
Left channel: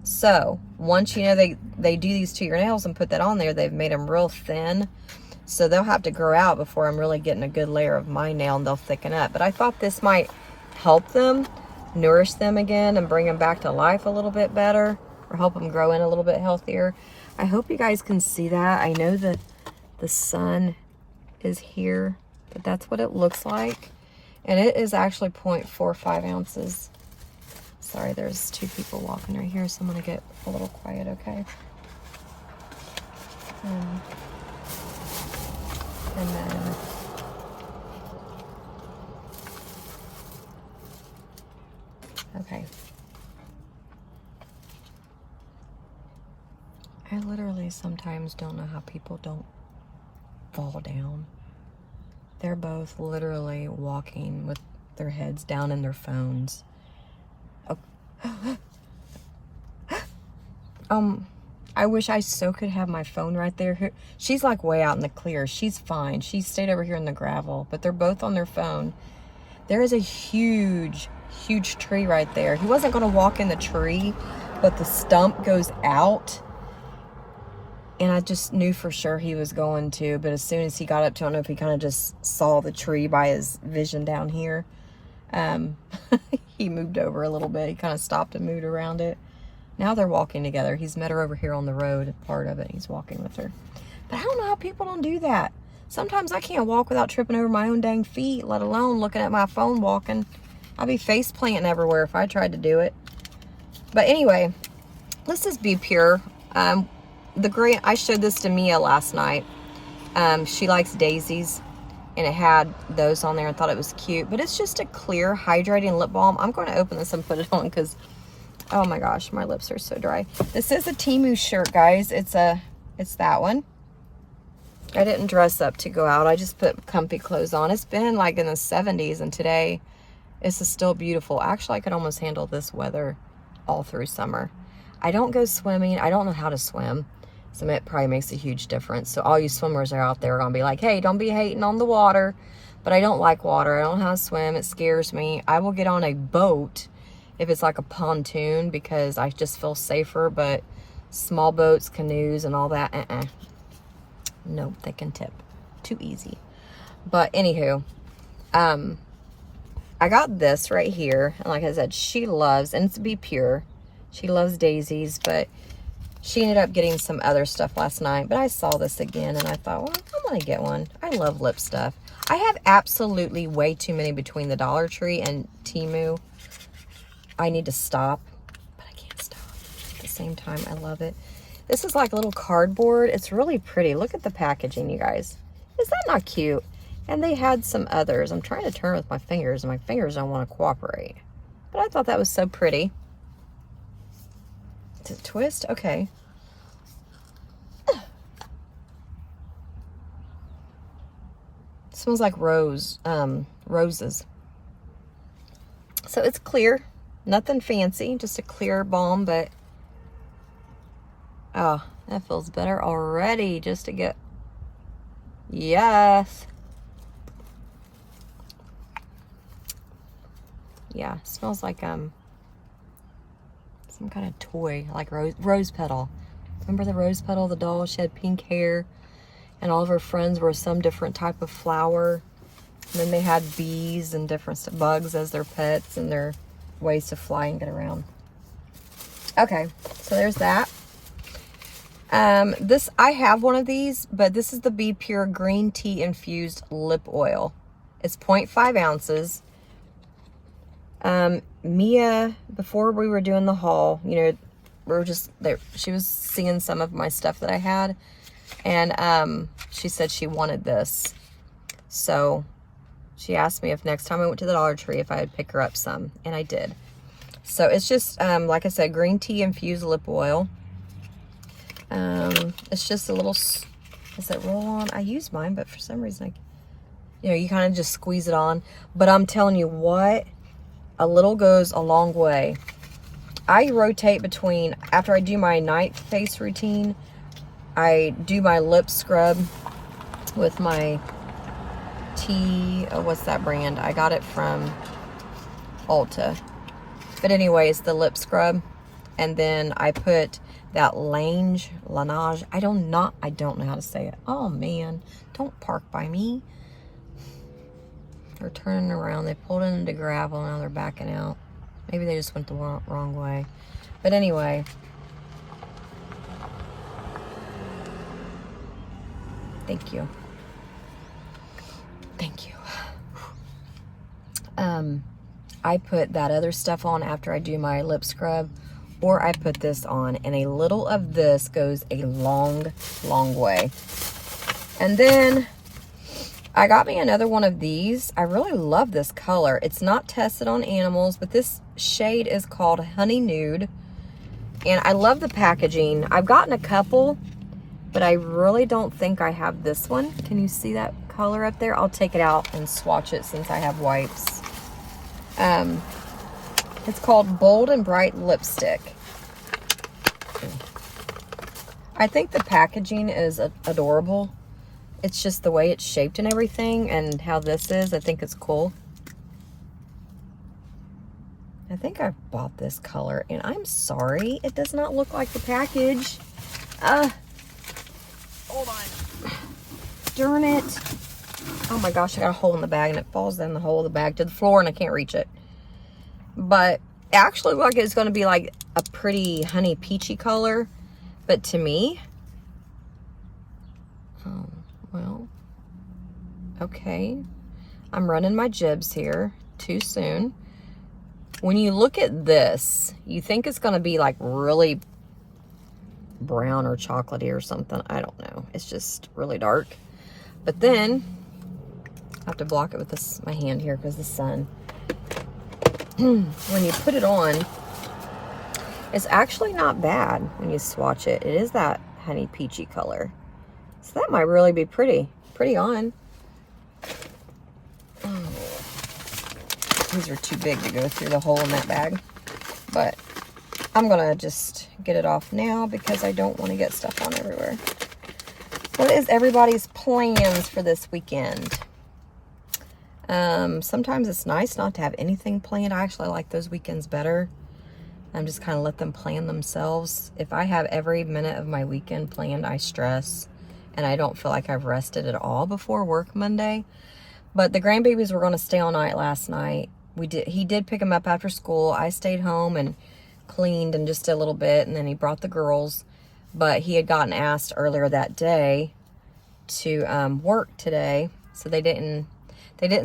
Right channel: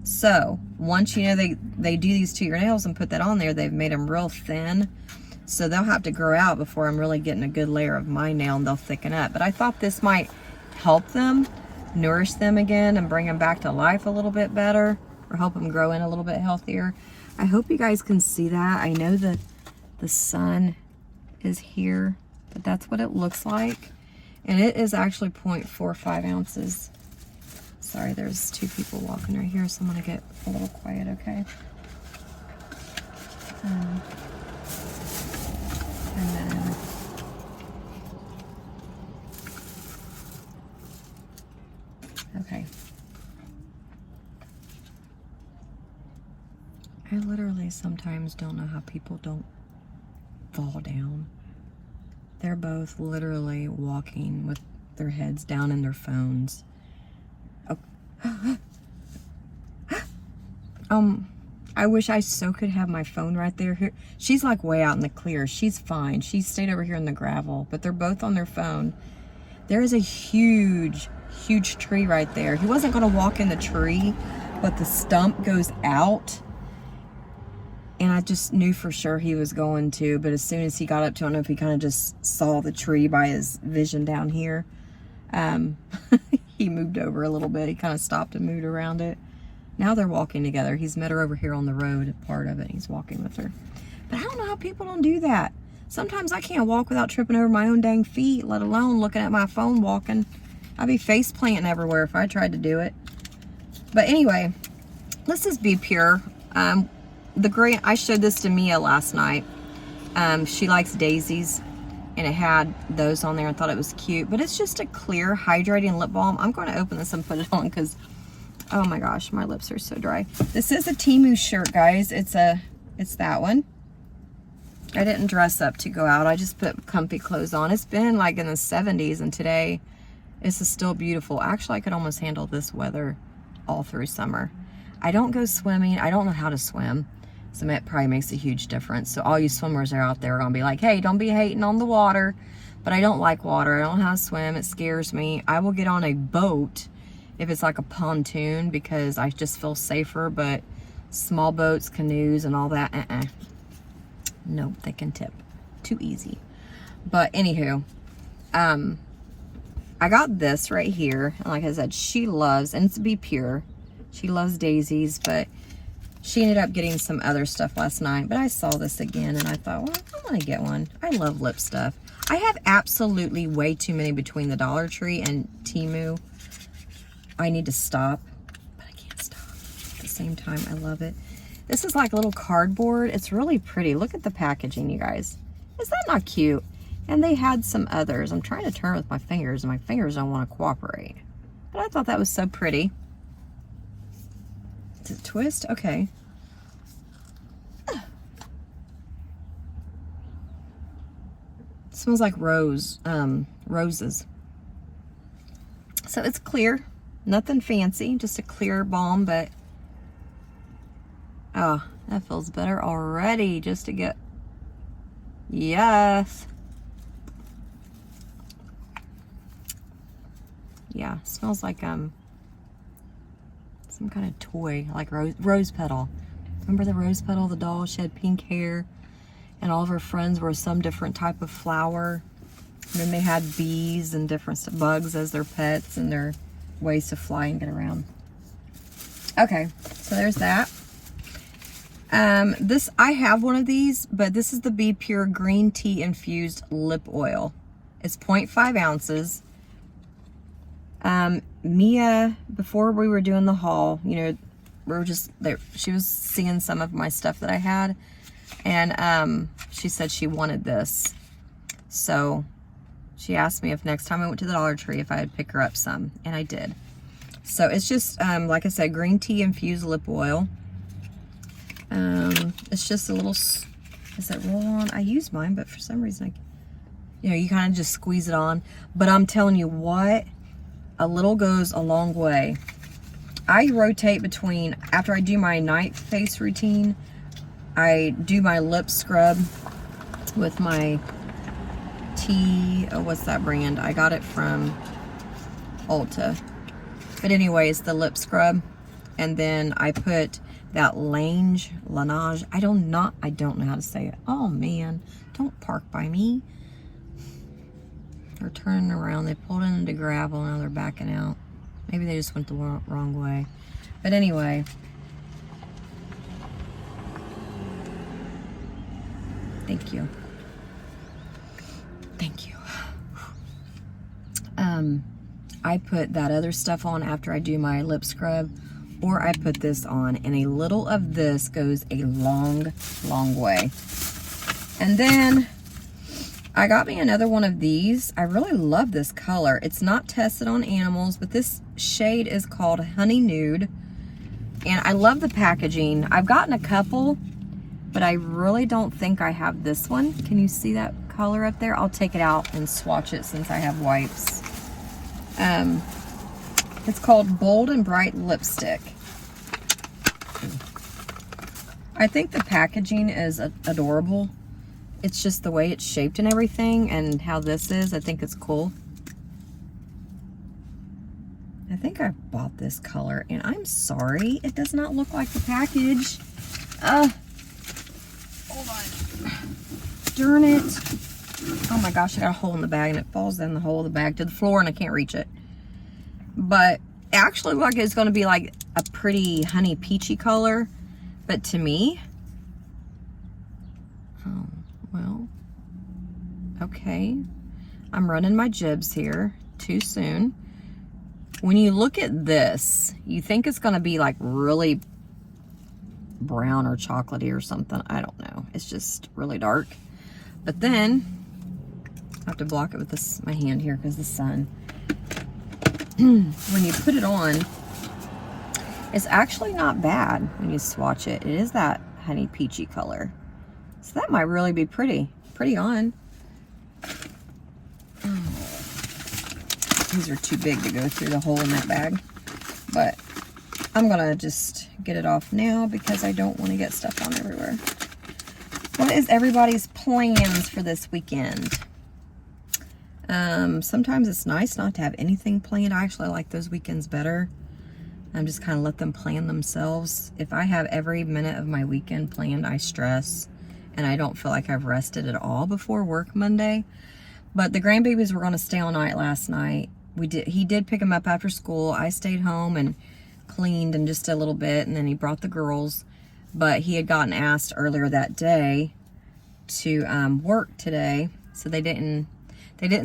So, once they do these to your nails and put that on there, they've made them real thin. So they'll have to grow out before I'm really getting a good layer of my nail, and they'll thicken up. But I thought this might help them, nourish them again, and bring them back to life a little bit better, or help them grow in a little bit healthier. I hope you guys can see that. I know that the sun is here, but that's what it looks like. And it is actually 0.45 ounces. Sorry, there's two people walking right here, so I'm gonna get a little quiet, okay? And then okay. I literally sometimes don't know how people don't fall down. They're both literally walking with their heads down in their phones. Oh. I wish I so could have my phone right there. She's like way out in the clear. She's fine. She stayed over here in the gravel, but they're both on their phone. There is a huge, huge tree right there. He wasn't going to walk in the tree, but the stump goes out. And I just knew for sure he was going to, but as soon as he got up to, I don't know if he kind of just saw the tree by his vision down here. He moved over a little bit. He kind of stopped and moved around it. Now they're walking together. He's met her over here on the road, part of it. He's walking with her. But I don't know how people don't do that. Sometimes I can't walk without tripping over my own dang feet, let alone looking at my phone walking. I'd be face planting everywhere if I tried to do it. But anyway, this is Be Pure. I showed this to Mia last night. She likes daisies, and it had those on there and thought it was cute. But it's just a clear, hydrating lip balm. I'm going to open this and put it on because, oh my gosh, my lips are so dry. This is a Temu shirt, guys. It's that one. I didn't dress up to go out. I just put comfy clothes on. It's been like in the 70s, and today it's still beautiful. Actually, I could almost handle this weather all through summer. I don't go swimming. I don't know how to swim. So it probably makes a huge difference. So all you swimmers are out there are going to be like, hey, don't be hating on the water. But I don't like water. I don't know how to swim. It scares me. I will get on a boat if it's like a pontoon because I just feel safer. But small boats, canoes, and all that, no, they can tip. Too easy. But anywho, I got this right here. And like I said, she loves, and it's Be Pure. She loves daisies, but she ended up getting some other stuff last night. But I saw this again, and I thought, well, I'm going to get one. I love lip stuff. I have absolutely way too many between the Dollar Tree and Temu. I need to stop, but I can't stop. At the same time, I love it. This is like a little cardboard. It's really pretty. Look at the packaging, you guys. Is that not cute? And they had some others. I'm trying to turn with my fingers, and my fingers don't want to cooperate. But I thought that was so pretty. To twist? Okay. Smells like roses. So it's clear. Nothing fancy. Just a clear balm, but oh, that feels better already just to get, yes. Yeah, smells like some kind of toy, like rose petal. Remember the rose petal, the doll? She had pink hair, and all of her friends were some different type of flower. And then they had bees and different bugs as their pets and their ways to fly and get around. Okay, so there's that. I have one of these, but this is the Be Pure green tea infused lip oil. It's 0.5 ounces. Mia, before we were doing the haul, you know, we were just there. She was seeing some of my stuff that I had, and she said she wanted this. So she asked me if next time I went to the Dollar Tree if I would pick her up some, and I did. So it's just, like I said, green tea infused lip oil. It's just a little, is it roll on? I use mine, but for some reason, you know, you kind of just squeeze it on. But I'm telling you what, a little goes a long way. I rotate between, after I do my night face routine, I do my lip scrub with my tea, what's that brand? I got it from Ulta. But anyways, the lip scrub. And then I put that Laneige, I don't know how to say it. Oh man, don't park by me. They're turning around. They pulled into gravel, now they're backing out. Maybe they just went the wrong way. But anyway. Thank you. Thank you. I put that other stuff on after I do my lip scrub, or I put this on, and a little of this goes a long, long way. And then I got me another one of these. I really love this color. It's not tested on animals, but this shade is called Honey Nude. And I love the packaging. I've gotten a couple, but I really don't think I have this one. Can you see that color up there? I'll take it out and swatch it since I have wipes. It's called Bold and Bright Lipstick. I think the packaging is adorable. It's just the way it's shaped and everything, and how this is, I think it's cool. I think I bought this color, and I'm sorry, it does not look like the package. Hold on. Darn it. Oh my gosh, I got a hole in the bag, and it falls down the hole of the bag to the floor, and I can't reach it. But it actually looks like it's going to be like a pretty honey peachy color, but to me, oh, well, okay. I'm running my jibs here too soon. When you look at this, you think it's going to be like really brown or chocolatey or something. I don't know. It's just really dark. But then, I have to block it with this my hand here because the sun. When you put it on, it's actually not bad when you swatch it. It is that honey peachy color. So that might really be pretty on. These are too big to go through the hole in that bag. But I'm going to just get it off now because I don't want to get stuff on everywhere. What is everybody's plans for this weekend? Sometimes it's nice not to have anything planned. I actually like those weekends better. I'm just kind of let them plan themselves. If I have every minute of my weekend planned, I stress. And I don't feel like I've rested at all before work Monday. But the grandbabies were going to stay all night last night. He did pick them up after school. I stayed home and cleaned and just a little bit, and then he brought the girls. But he had gotten asked earlier that day to work today, so they didn't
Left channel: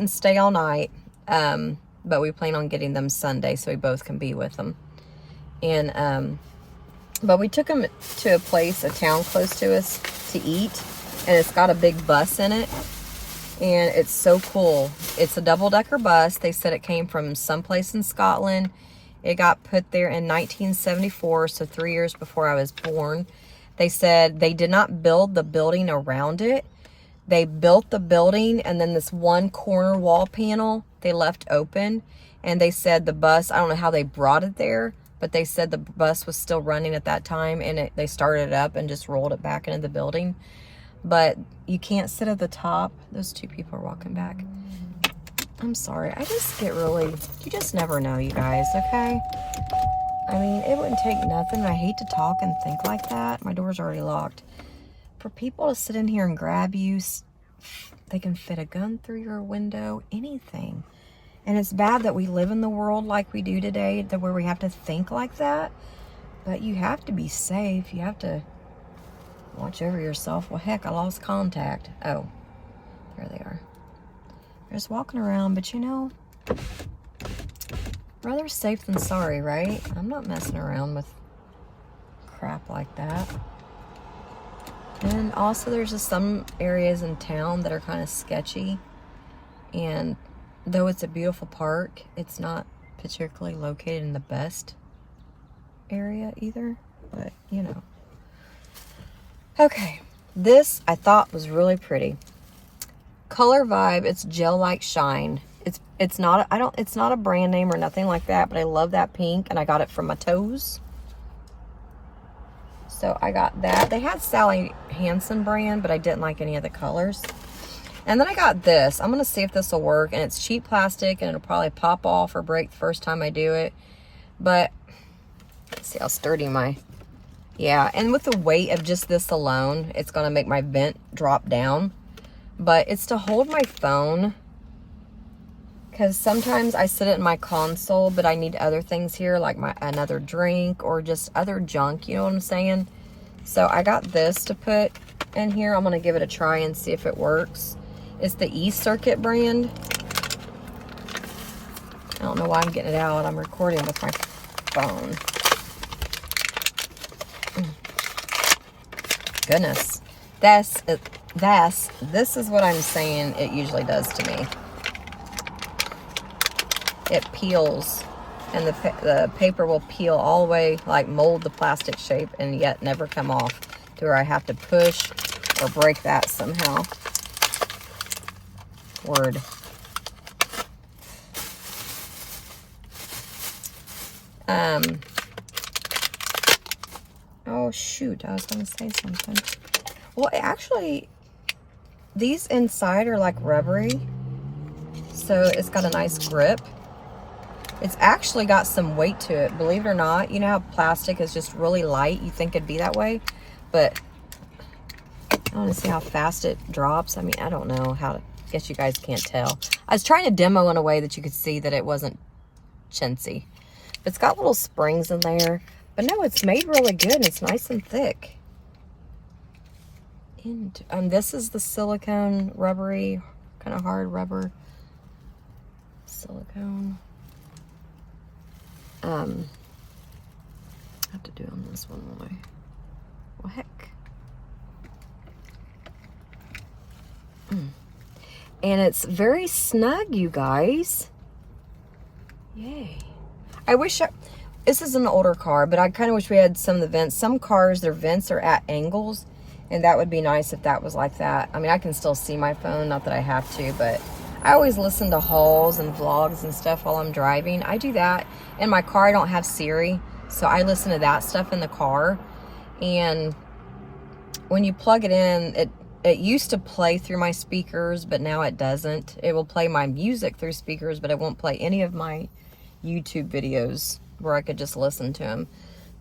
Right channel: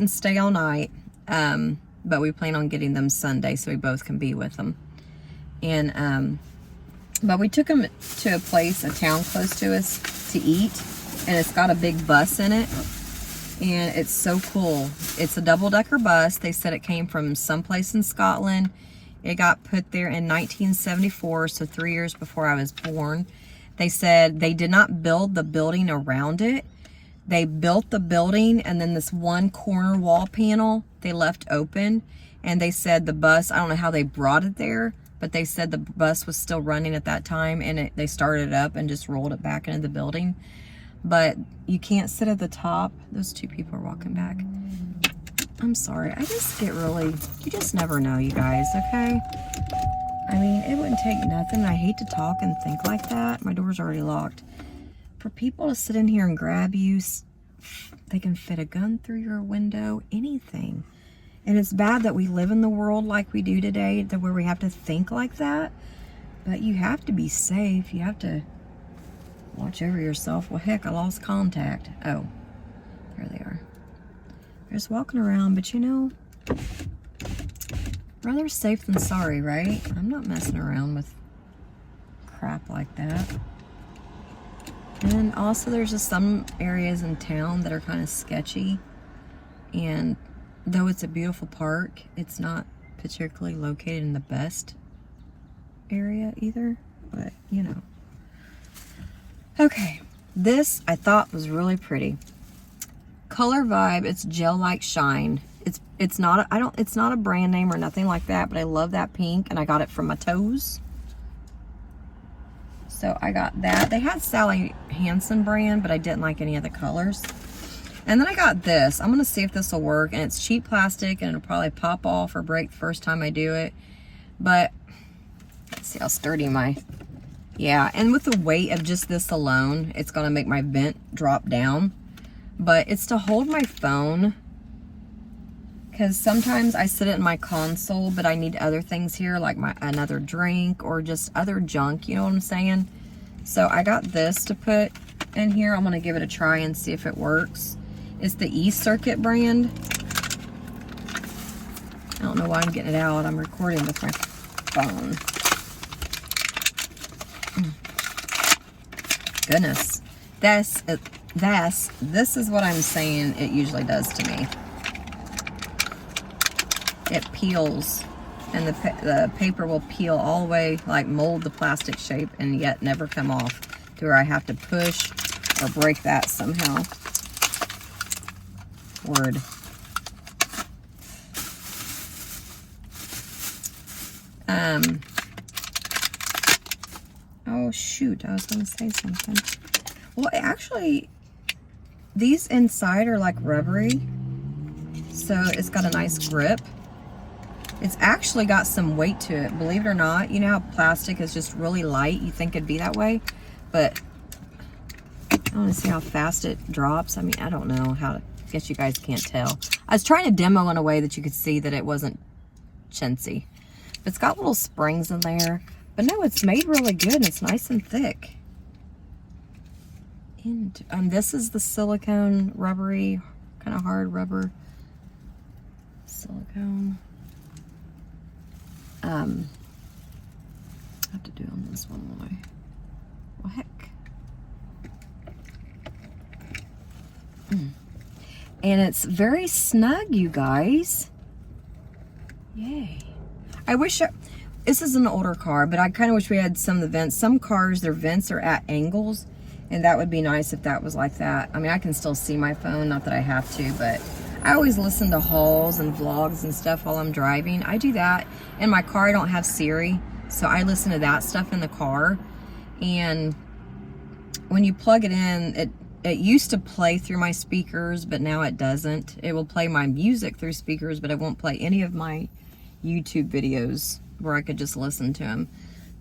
stay all night. But we plan on getting them Sunday so we both can be with them. And but we took them to a town close to us to eat, and it's got a big bus in it. And it's so cool. It's a double-decker bus. They said it came from someplace in Scotland. It got put there in 1974, so 3 years before I was born. They said they did not build the building around it. They built the building, and then this one corner wall panel they left open. And they said the bus, I don't know how they brought it there, but they said the bus was still running at that time, and they started it up and just rolled it back into the building. But you can't sit at the top. Those two people are walking back. I'm sorry. I just get really, you just never know, you guys, okay? I mean, it wouldn't take nothing. I hate to talk and think like that. My door's already locked. For people to sit in here and grab you, they can fit a gun through your window, anything. And it's bad that we live in the world like we do today, where we have to think like that. But you have to be safe. You have to watch over yourself. Well, heck, I lost contact. Oh, there they are. They're just walking around, but you know, rather safe than sorry, right? I'm not messing around with crap like that. And also, there's just some areas in town that are kind of sketchy. And though it's a beautiful park, it's not particularly located in the best area either. But, you know. Okay, this I thought was really pretty. Color Vibe, it's gel like shine. It's not a brand name or nothing like that, but I love that pink, and I got it from my toes. So I got that. They had Sally Hansen brand, but I didn't like any of the colors. And then I got this. I'm gonna see if this will work, and it's cheap plastic, and it'll probably pop off or break the first time I do it. But let's see how sturdy my. Yeah, and with the weight of just this alone, it's going to make my vent drop down. But it's to hold my phone, because sometimes I sit it in my console, but I need other things here, like another drink or just other junk, you know what I'm saying? So I got this to put in here. I'm going to give it a try and see if it works. It's the E-Circuit brand. don't know why I'm getting it out. I'm recording with my phone. Goodness. This is what I'm saying it usually does to me. It peels, and the paper will peel all the way, like mold the plastic shape, and yet never come off to where I have to push or break that somehow. Word. Oh shoot, I was gonna say something. Well, actually, these inside are like rubbery, so it's got a nice grip. It's actually got some weight to it, believe it or not. You know how plastic is just really light? You think it'd be that way, but I want to see how fast it drops. I mean, I don't know how to, guess you guys can't tell. I was trying to demo in a way that you could see that it wasn't chintzy. It's got little springs in there, but no, it's made really good and it's nice and thick. And this is the silicone rubbery, kind of hard rubber silicone. I have to do on this one, won't I? Well, heck. And it's very snug, you guys. Yay. I wish this is an older car, but I kind of wish we had some of the vents. Some cars, their vents are at angles, and that would be nice if that was like that. I mean, I can still see my phone, not that I have to, but I always listen to hauls and vlogs and stuff while I'm driving. I do that. In my car, I don't have Siri, so I listen to that stuff in the car. And when you plug it in, it used to play through my speakers, but now it doesn't. It will play my music through speakers, but it won't play any of my YouTube videos where I could just listen to them.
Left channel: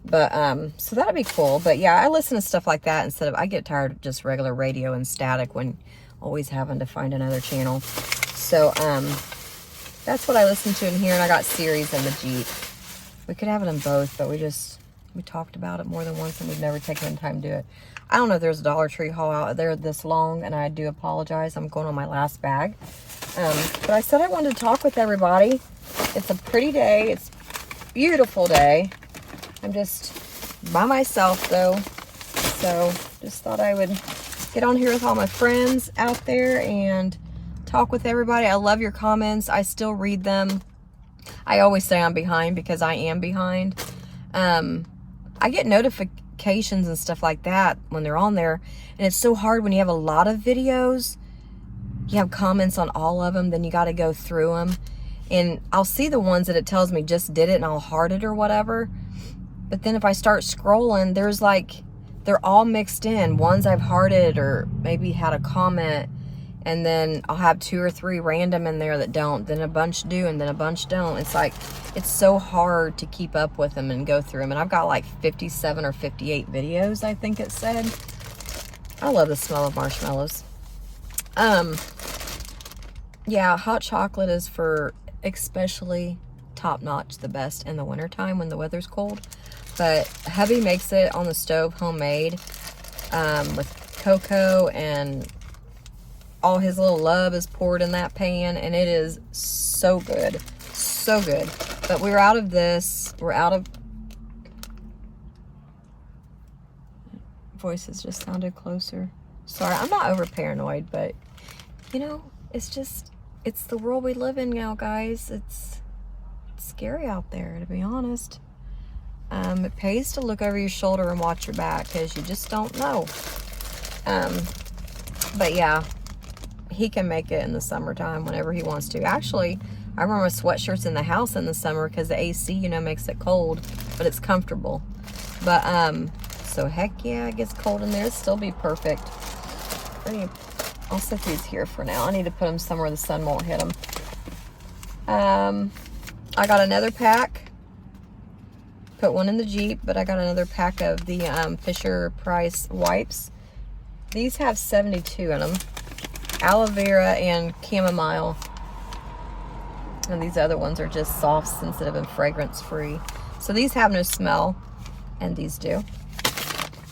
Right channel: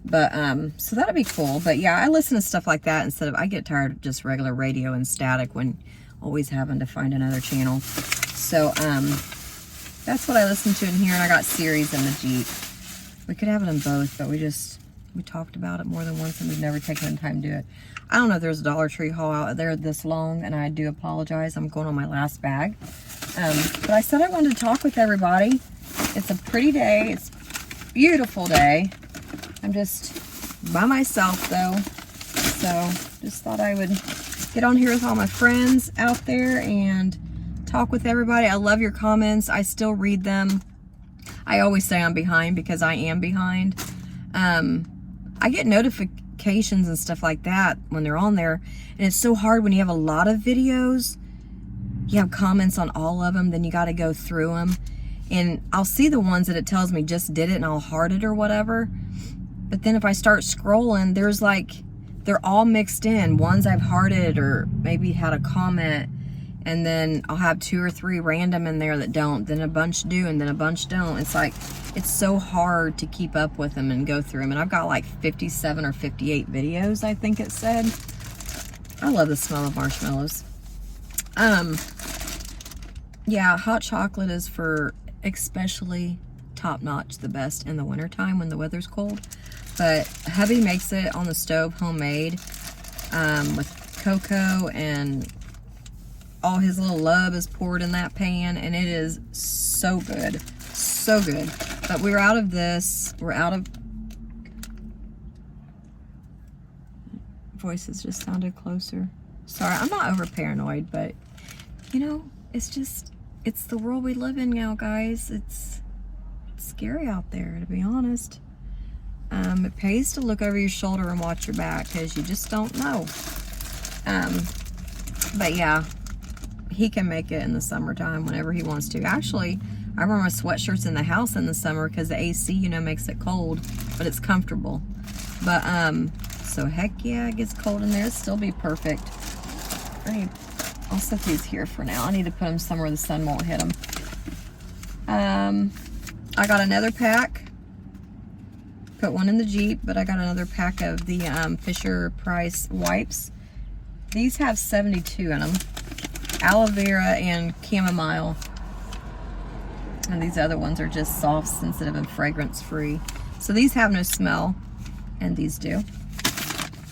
But so that'd be cool. But yeah, I listen to stuff like that instead of, I get tired of just regular radio and static when always having to find another channel. So that's what I listen to in here, and I got Siri's in the Jeep. We could have it in both, but we talked about it more than once and we've never taken the time to do it. I don't know if there's a Dollar Tree haul out there this long, and I do apologize. I'm going on my last bag. But I said I wanted to talk with everybody. It's a pretty day. It's a beautiful day. I'm just by myself though. So just thought I would get on here with all my friends out there and talk with everybody. I love your comments. I still read them. I always say I'm behind because I am behind. I get notifications and stuff like that when they're on there, and it's so hard when you have a lot of videos. You have comments on all of them, then you got to go through them, and I'll see the ones that it tells me just did it and I'll heart it or whatever, but then if I start scrolling, there's like, they're all mixed in. Ones I've hearted or maybe had a comment, and then I'll have 2 or 3 random in there that don't, then a bunch do, and then a bunch don't. It's like, it's so hard to keep up with them and go through them. And I've got like 57 or 58 videos, I think it said. I love the smell of marshmallows. Yeah, hot chocolate is for especially top-notch, the best in the wintertime when the weather's cold. But hubby makes it on the stove, homemade, with cocoa, and all his little love is poured in that pan, and it is so good. So good. But we're out of this. We're out of... Voices just sounded closer. Sorry, I'm not over paranoid, but, you know, it's just, it's the world we live in now, guys. It's scary out there, to be honest. It pays to look over your shoulder and watch your back, because you just don't know. But yeah, he can make it in the summertime whenever he wants to. Actually, I wear my sweatshirts in the house in the summer because the AC, you know, makes it cold, but it's comfortable. But, so heck yeah, it gets cold in there. It'll still be perfect. I'll set these here for now. I need to put them somewhere the sun won't hit them. I got another pack. Put one in the Jeep, but I got another pack of the Fisher-Price wipes. These have 72 in them. Aloe vera and chamomile. And these other ones are just soft, sensitive, and fragrance-free. So these have no smell, and these do.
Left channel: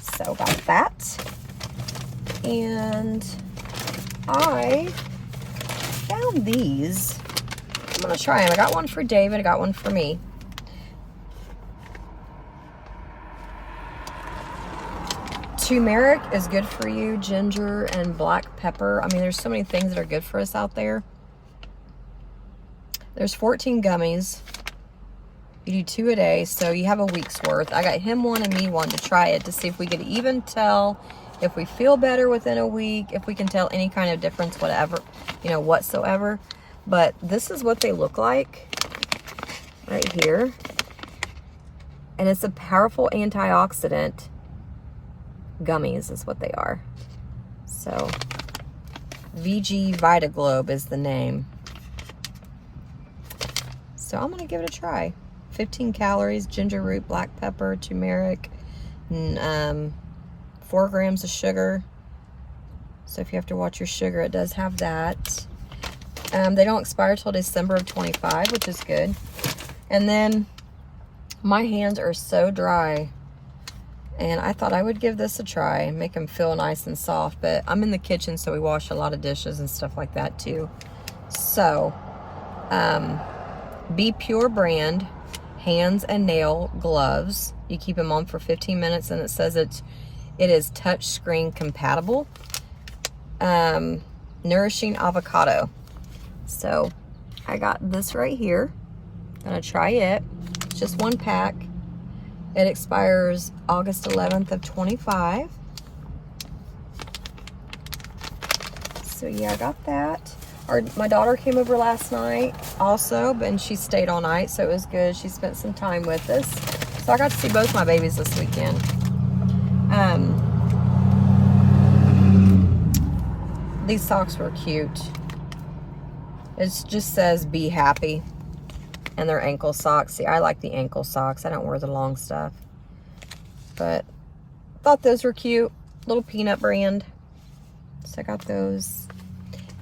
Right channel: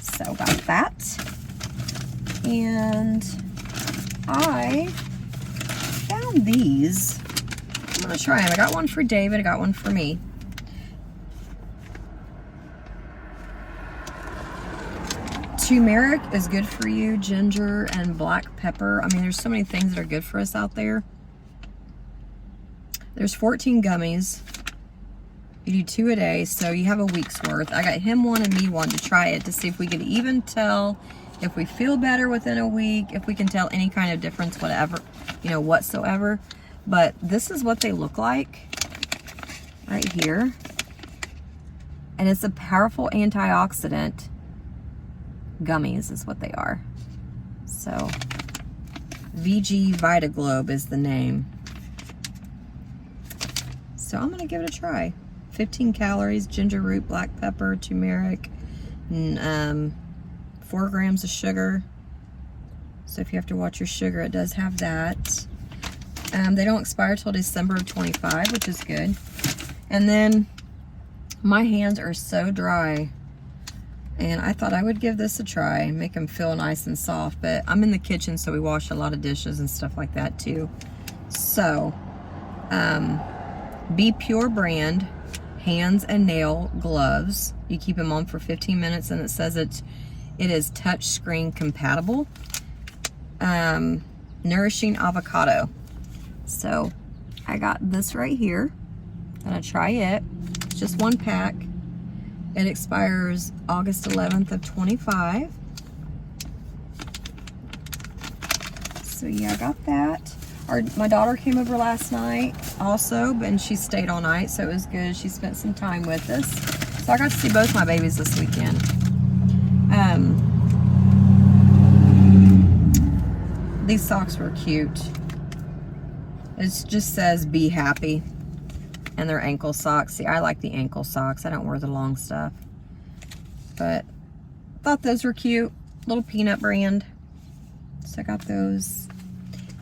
So got that. And I found these. gonna try them. I got one for David, I got one for me. Turmeric is good for you, ginger and black pepper. I mean, there's so many things that are good for us out there. There's 14 gummies. You do 2 a day, so you have a week's worth. I got him one and me one to try it to see if we could even tell if we feel better within a week, if we can tell any kind of difference, whatever, you know, whatsoever. But this is what they look like right here. And it's a powerful antioxidant. Gummies is what they are. So VG VitaGlobe is the name. So I'm gonna give it a try. 15 calories, ginger root, black pepper, turmeric, and 4 grams of sugar. So if you have to watch your sugar, it does have that. They don't expire till December of 25, which is good. And then my hands are so dry, and I thought I would give this a try and make them feel nice and soft, but I'm in the kitchen, so we wash a lot of dishes and stuff like that too. So, Be Pure brand hands and nail gloves. You keep them on for 15 minutes, and it says it is touch screen compatible. Nourishing avocado. So, I got this right here. Gonna try it. It's just 1 pack. It expires August 11th of 25. So yeah, I got that. My daughter came over last night also, and she stayed all night, so it was good. She spent some time with us. So I got to see both my babies this weekend. These socks were cute. It just says be happy. And they're ankle socks. See, I like the ankle socks. I don't wear the long stuff. But thought those were cute. Little Peanut brand. So I got those.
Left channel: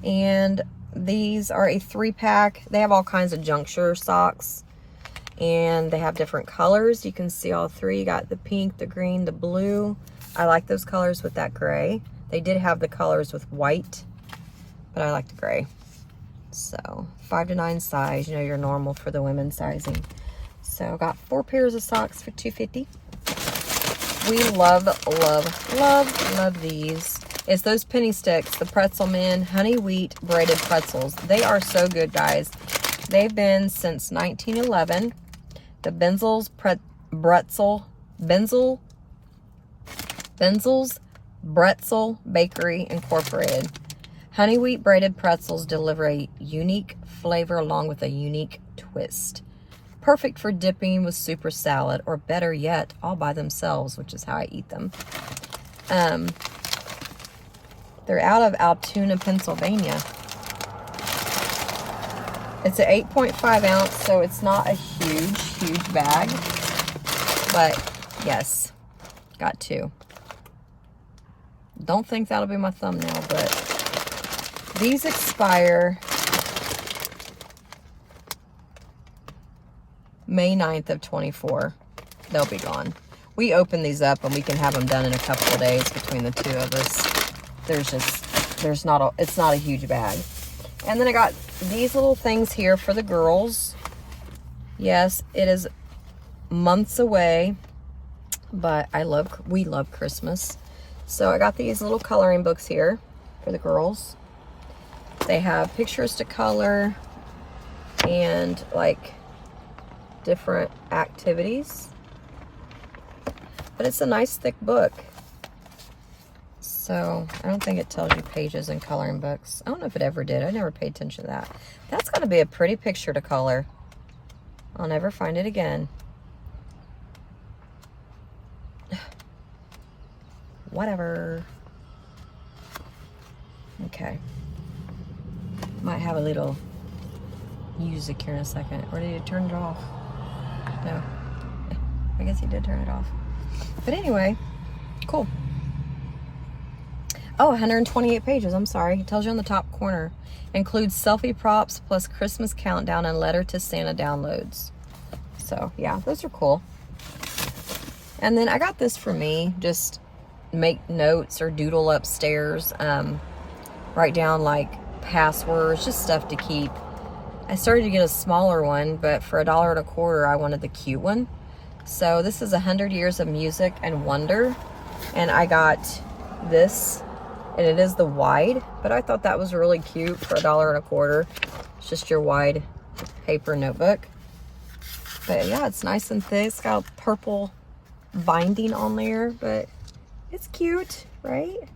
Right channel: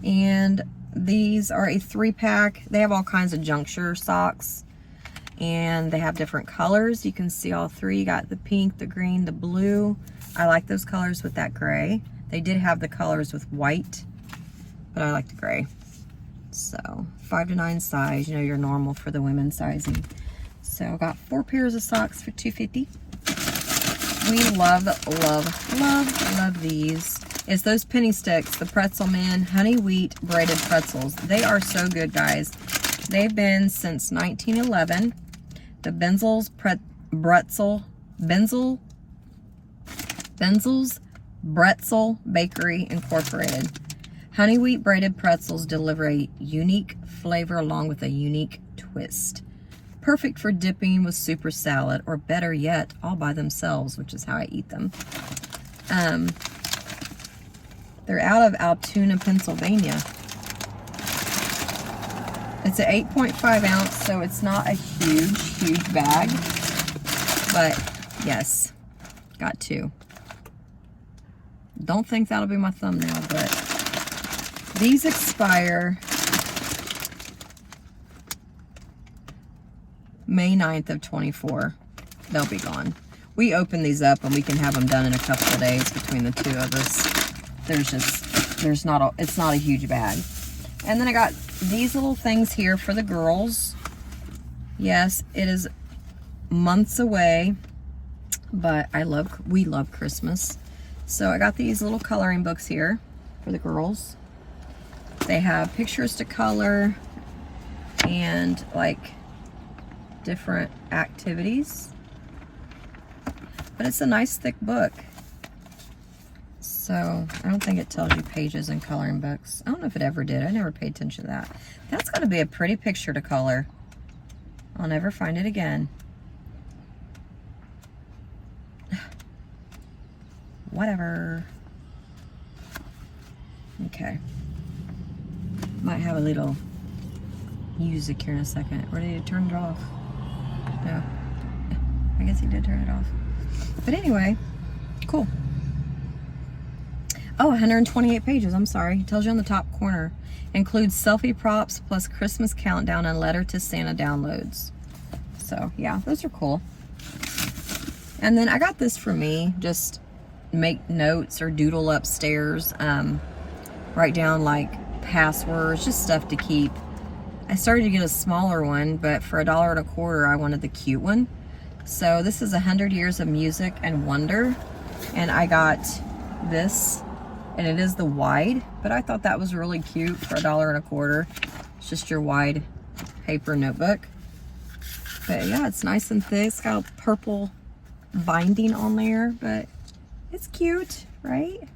And these are a 3-pack. They have all kinds of juncture socks. And they have different colors. You can see all 3. You got the pink, the green, the blue. I like those colors with that gray. They did have the colors with white, but I like the gray. So 5 to 9 size, you know, your normal for the women's sizing. So got 4 pairs of socks for $2.50. We love, love, love, love these. It's those penny sticks, the Pretzel Man honey wheat braided pretzels. They are so good, guys. They've been since 1911. The Benzel's Bretzel Bakery Incorporated. Honey wheat braided pretzels deliver a unique flavor along with a unique twist. Perfect for dipping with super salad, or better yet, all by themselves, which is how I eat them. They're out of Altoona, Pennsylvania. It's an 8.5 ounce, so it's not a huge bag. But yes, got 2. Don't think that'll be my thumbnail, but these expire May 9th of 24. They'll be gone. We open these up and we can have them done in a couple of days between the 2 of us. It's not a huge bag. And then I got these little things here for the girls. Yes, it is months away, but we love Christmas. So I got these little coloring books here for the girls. They have pictures to color and like different activities. But it's a nice thick book. So I don't think it tells you pages in coloring books. I don't know if it ever did. I never paid attention to that. That's got to be a pretty picture to color. I'll never find it again. Whatever. Okay. Might have a little music here in a second. Or did he turn it off? No. I guess he did turn it off. But anyway, cool. Oh, 128 pages. I'm sorry. It tells you on the top corner. Includes selfie props plus Christmas countdown and letter to Santa downloads. So, yeah, those are cool. And then I got this for me. Just make notes or doodle upstairs. Write down like passwords, just stuff to keep I started to get a smaller one, but for $1.25, I wanted the cute one. So this is 100 Years of Music and Wonder. And I got this, and it is the wide, but I thought that was really cute for $1.25. It's just your wide paper notebook. But yeah, it's nice and thick. It's got a purple binding on there, but it's cute, right?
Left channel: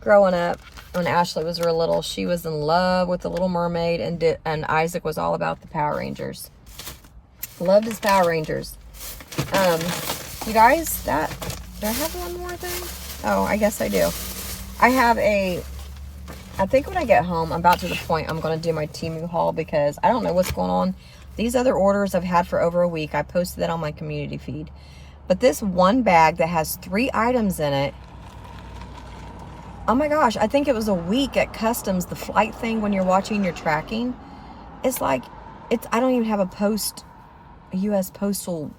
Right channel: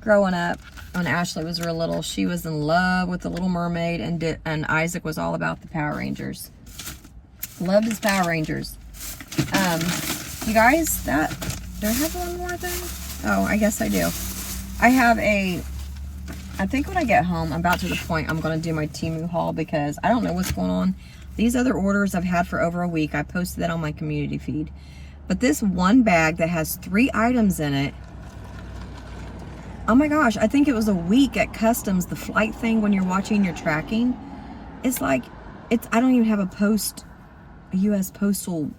Growing up, when Ashley was real little, she was in love with the Little Mermaid, and Isaac was all about the Power Rangers. Loved his Power Rangers. You guys, do I have one more thing? Oh, I guess I do. I think when I get home, I'm about to the point I'm going to do my Temu haul, because I don't know what's going on. These other orders I've had for over a week. I posted that on my community feed. But this one bag that has 3 items in it, oh my gosh, I think it was a week at customs, the flight thing when you're watching your tracking. It's like, I don't even have a U.S. postal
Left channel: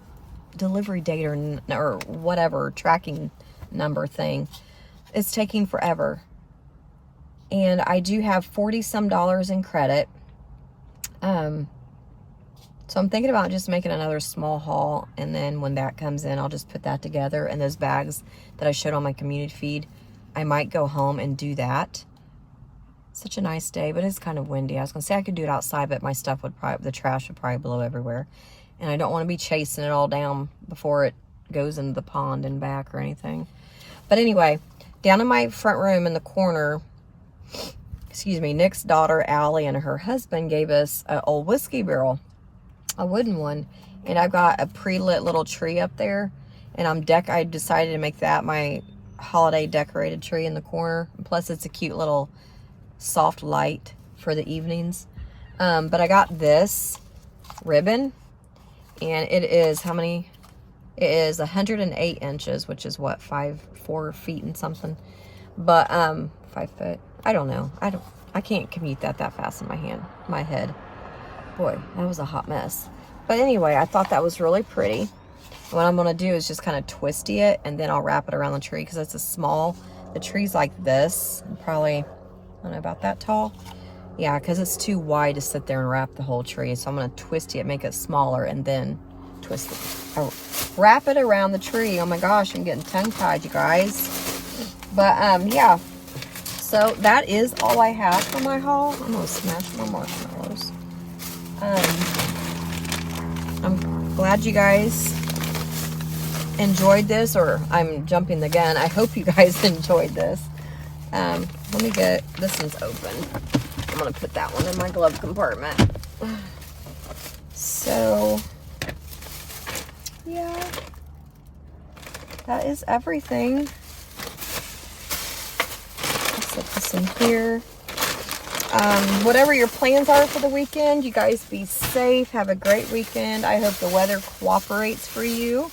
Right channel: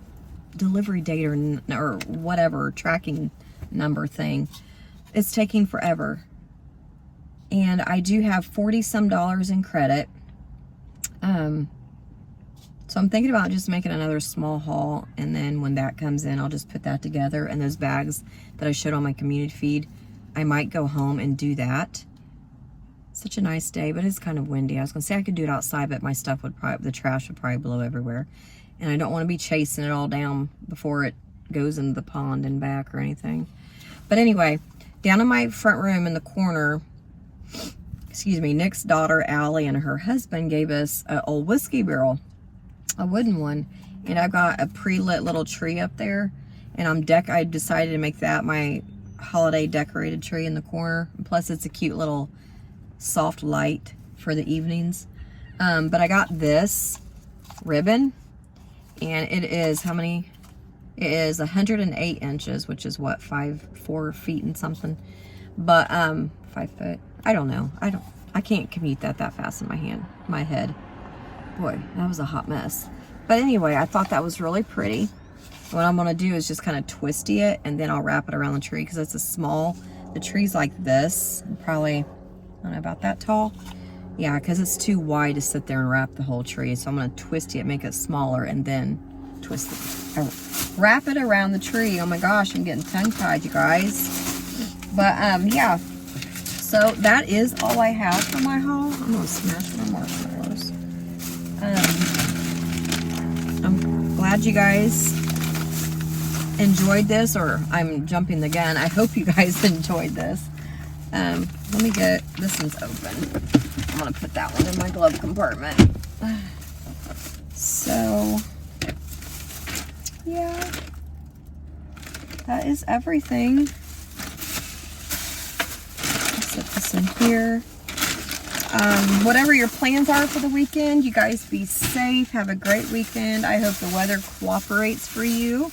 delivery date or whatever tracking number thing. It's taking forever. And I do have $40-some in credit. So I'm thinking about just making another small haul, and then when that comes in, I'll just put that together. And those bags that I showed on my community feed, I might go home and do that. Such a nice day, but it's kind of windy. I was gonna say I could do it outside, but my stuff the trash would probably blow everywhere. And I don't want to be chasing it all down before it goes into the pond and back or anything. But anyway, down in my front room in the corner, Nick's daughter, Allie, and her husband gave us an old whiskey barrel, a wooden one. And I've got a pre-lit little tree up there. And I decided to make that my holiday decorated tree in the corner. Plus, it's a cute little soft light for the evenings. But I got this ribbon. And it is, it is 108 inches, which is what, 4 feet and something. But, 5 foot. I don't know. I can't commute that fast in my head. Boy, that was a hot mess. But anyway, I thought that was really pretty. What I'm gonna do is just kind of twisty it, and then I'll wrap it around the tree, because it's the tree's like this, probably, I don't know, about that tall. Yeah, because it's too wide to sit there and wrap the whole tree. So I'm going to twist it, make it smaller, and then twist it. Oh, wrap it around the tree. Oh my gosh, I'm getting tongue-tied, you guys. But, yeah. So that is all I have for my haul. I'm going to smash my marshmallows. I'm glad you guys enjoyed this, or I'm jumping the gun. I hope you guys enjoyed this. Let me get, this one's open. I'm gonna put that one in my glove compartment. So, yeah, that is everything. Let's put this in here. Whatever your plans are for the weekend, you guys be safe. Have a great weekend. I hope the weather cooperates for you.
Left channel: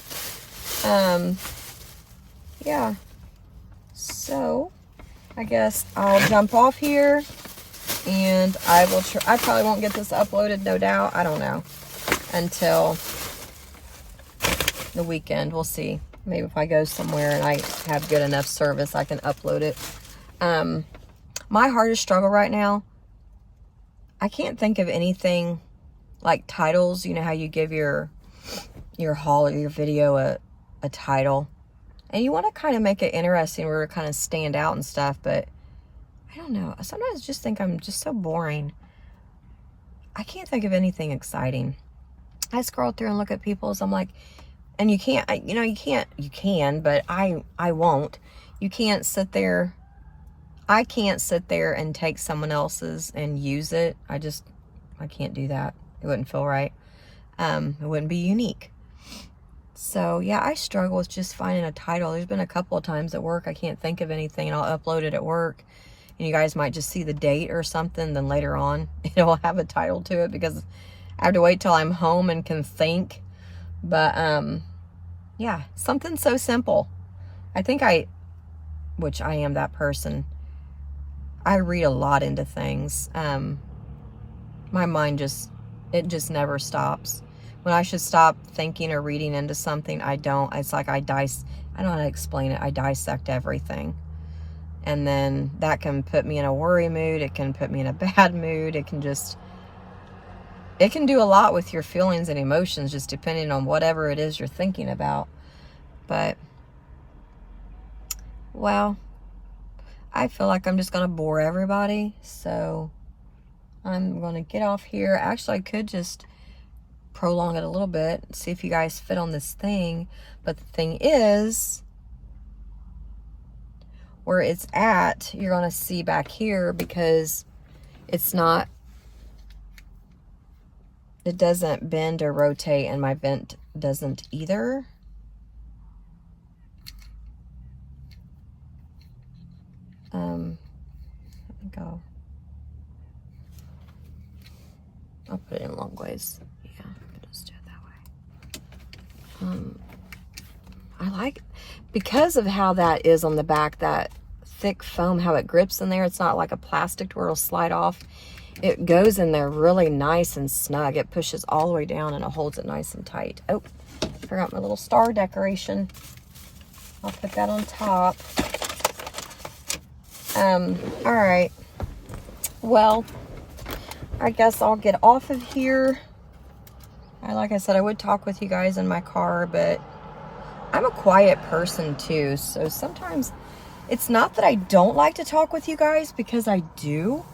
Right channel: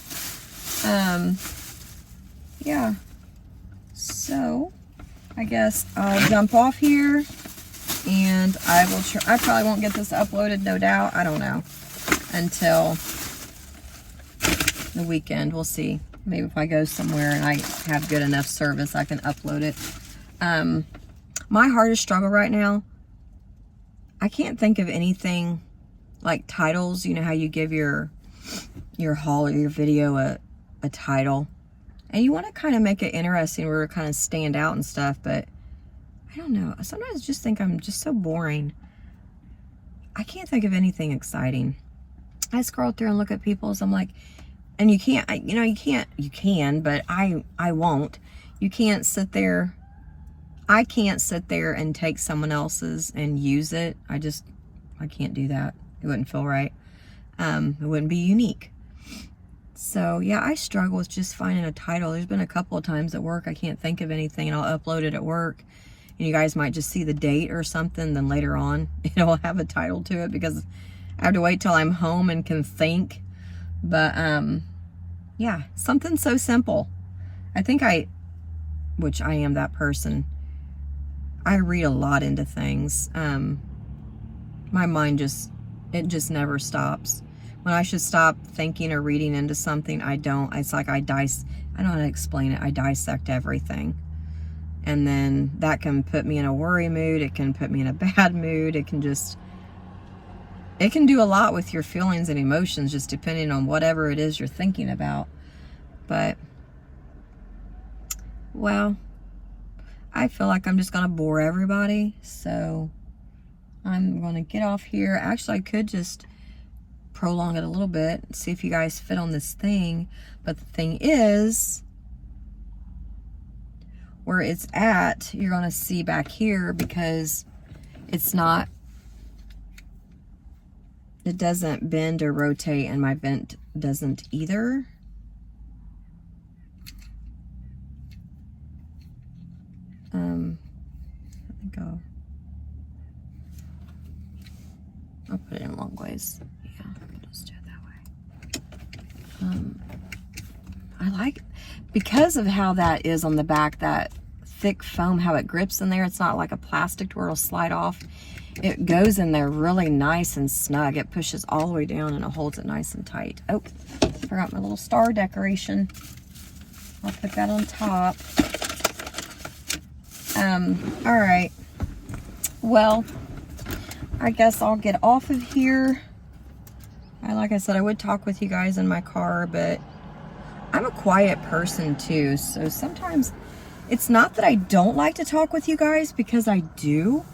Yeah. So, I guess I'll jump off here, and I probably won't get this uploaded, no doubt. I don't know, until the weekend. We'll see. Maybe if I go somewhere and I have good enough service, I can upload it. My hardest struggle right now, I can't think of anything like titles. You know how you give your haul or your video a title, and you want to kind of make it interesting where it kind of stand out and stuff, but I don't know. Sometimes I just think I'm just so boring. I can't think of anything exciting. I scroll through and look at people's, I'm like, and you can't, you can, but I won't. You can't sit there. I can't sit there and take someone else's and use it. I can't do that. It wouldn't feel right. It wouldn't be unique. So yeah, I struggle with just finding a title. There's been a couple of times at work I can't think of anything, and I'll upload it at work, and you guys might just see the date or something, then later on it'll have a title to it because I have to wait till I'm home and can think. But yeah, something so simple. I think which I am that person, I read a lot into things. My mind just never stops. When I should stop thinking or reading into something, I don't. It's like I don't know how to explain it. I dissect everything. And then that can put me in a worry mood. It can put me in a bad mood. It can just, it can do a lot with your feelings and emotions, just depending on whatever it is you're thinking about. But, well, I feel like I'm just going to bore everybody. So I'm going to get off here. Actually, I could just prolong it a little bit, see if you guys fit on this thing. But the thing is, where it's at, you're going to see back here, because it's not, it doesn't bend or rotate, and my vent doesn't either. I think I'll put it in long ways. Yeah, I'll just do it that way. I like, because of how that is on the back, that thick foam, how it grips in there. It's not like a plastic where it'll slide off. It goes in there really nice and snug. It pushes all the way down and it holds it nice and tight. Oh, forgot my little star decoration. I'll put that on top. All right. Well, I guess I'll get off of here. Like I said, I would talk with you guys in my car, but I'm a quiet person too. So sometimes it's not that I don't like to talk with you guys, because I do.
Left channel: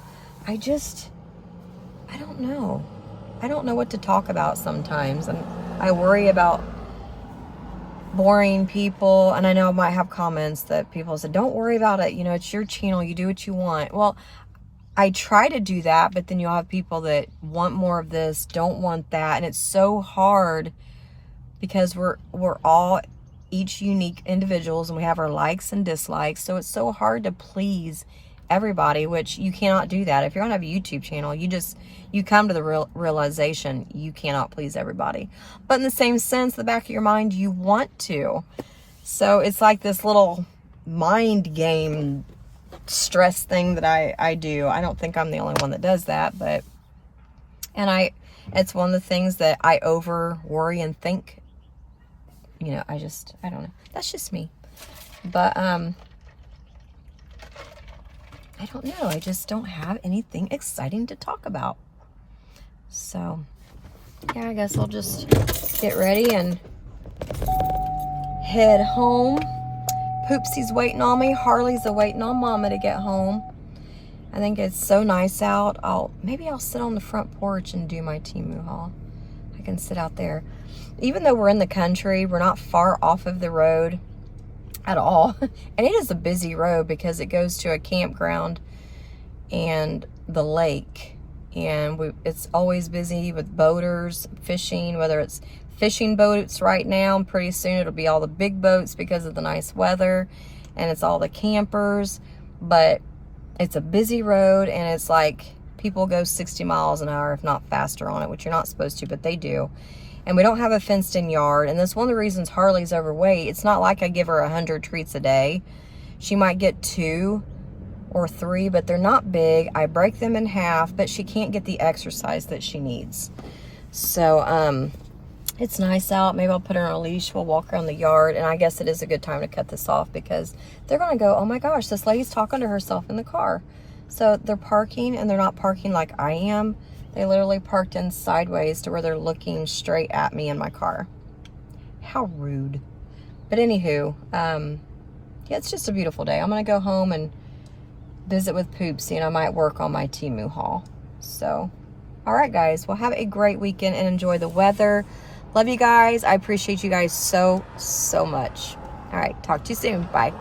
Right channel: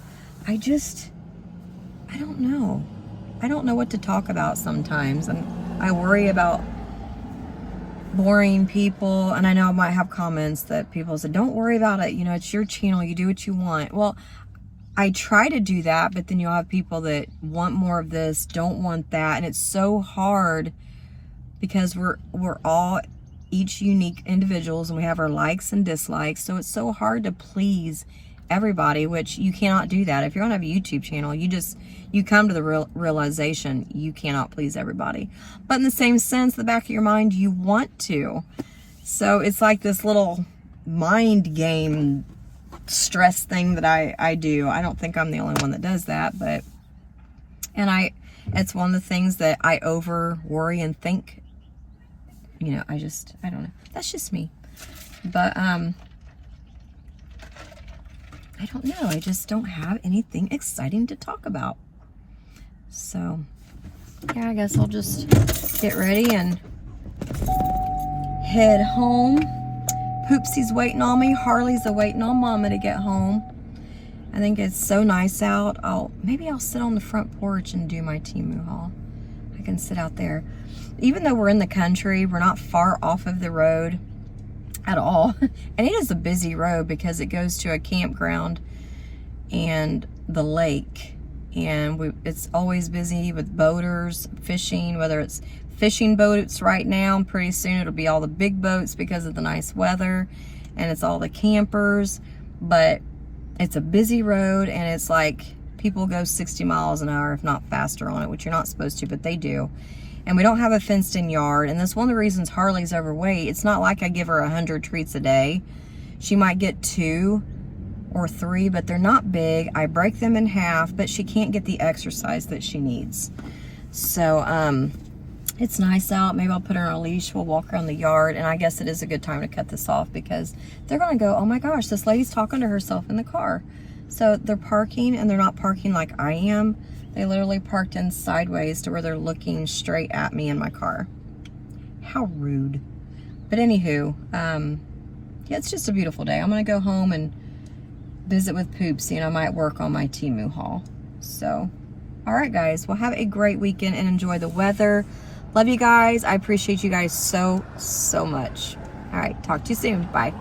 I don't know. I don't know what to talk about sometimes. And I worry about boring people. And I know I might have comments that people said, don't worry about it. You know, it's your channel. You do what you want. Well, I try to do that, but then you'll have people that want more of this, don't want that. And it's so hard, because we're all each unique individuals, and we have our likes and dislikes. So it's so hard to please everybody, which you cannot do that. If you're gonna have a YouTube channel, you come to the realization you cannot please everybody. But in the same sense, the back of your mind, you want to. So it's like this little mind game stress thing that I do. I don't think I'm the only one that does that, but it's one of the things that I over worry and think. You know, I don't know. That's just me. But I don't know. I just don't have anything exciting to talk about. So yeah, I guess I'll just get ready and head home. Poopsie's waiting on me. Harley's waiting on Mama to get home. I think it's so nice out. Maybe I'll sit on the front porch and do my Temu haul. I can sit out there. Even though we're in the country, we're not far off of the road at all. And it is a busy road, because it goes to a campground and the lake. And it's always busy with boaters, fishing, whether it's fishing boats right now. And pretty soon it'll be all the big boats because of the nice weather. And it's all the campers. But it's a busy road, and it's like people go 60 miles an hour, if not faster, on it, which you're not supposed to, but they do. And we don't have a fenced in yard. And that's one of the reasons Harley's overweight. It's not like I give her 100 treats a day. She might get 2 or 3, but they're not big. I break them in half, but she can't get the exercise that she needs. So, it's nice out. Maybe I'll put her on a leash. We'll walk around the yard. And I guess it is a good time to cut this off, because they're going to go, oh my gosh, this lady's talking to herself in the car. So they're parking, and they're not parking like I am. They literally parked in sideways to where they're looking straight at me in my car. How rude. But anywho, yeah, it's just a beautiful day. I'm going to go home and visit with Poopsie, and I might work on my Temu haul. So, all right, guys. Well, have a great weekend and enjoy the weather. Love you guys. I appreciate you guys so, so much. All right. Talk to you soon. Bye.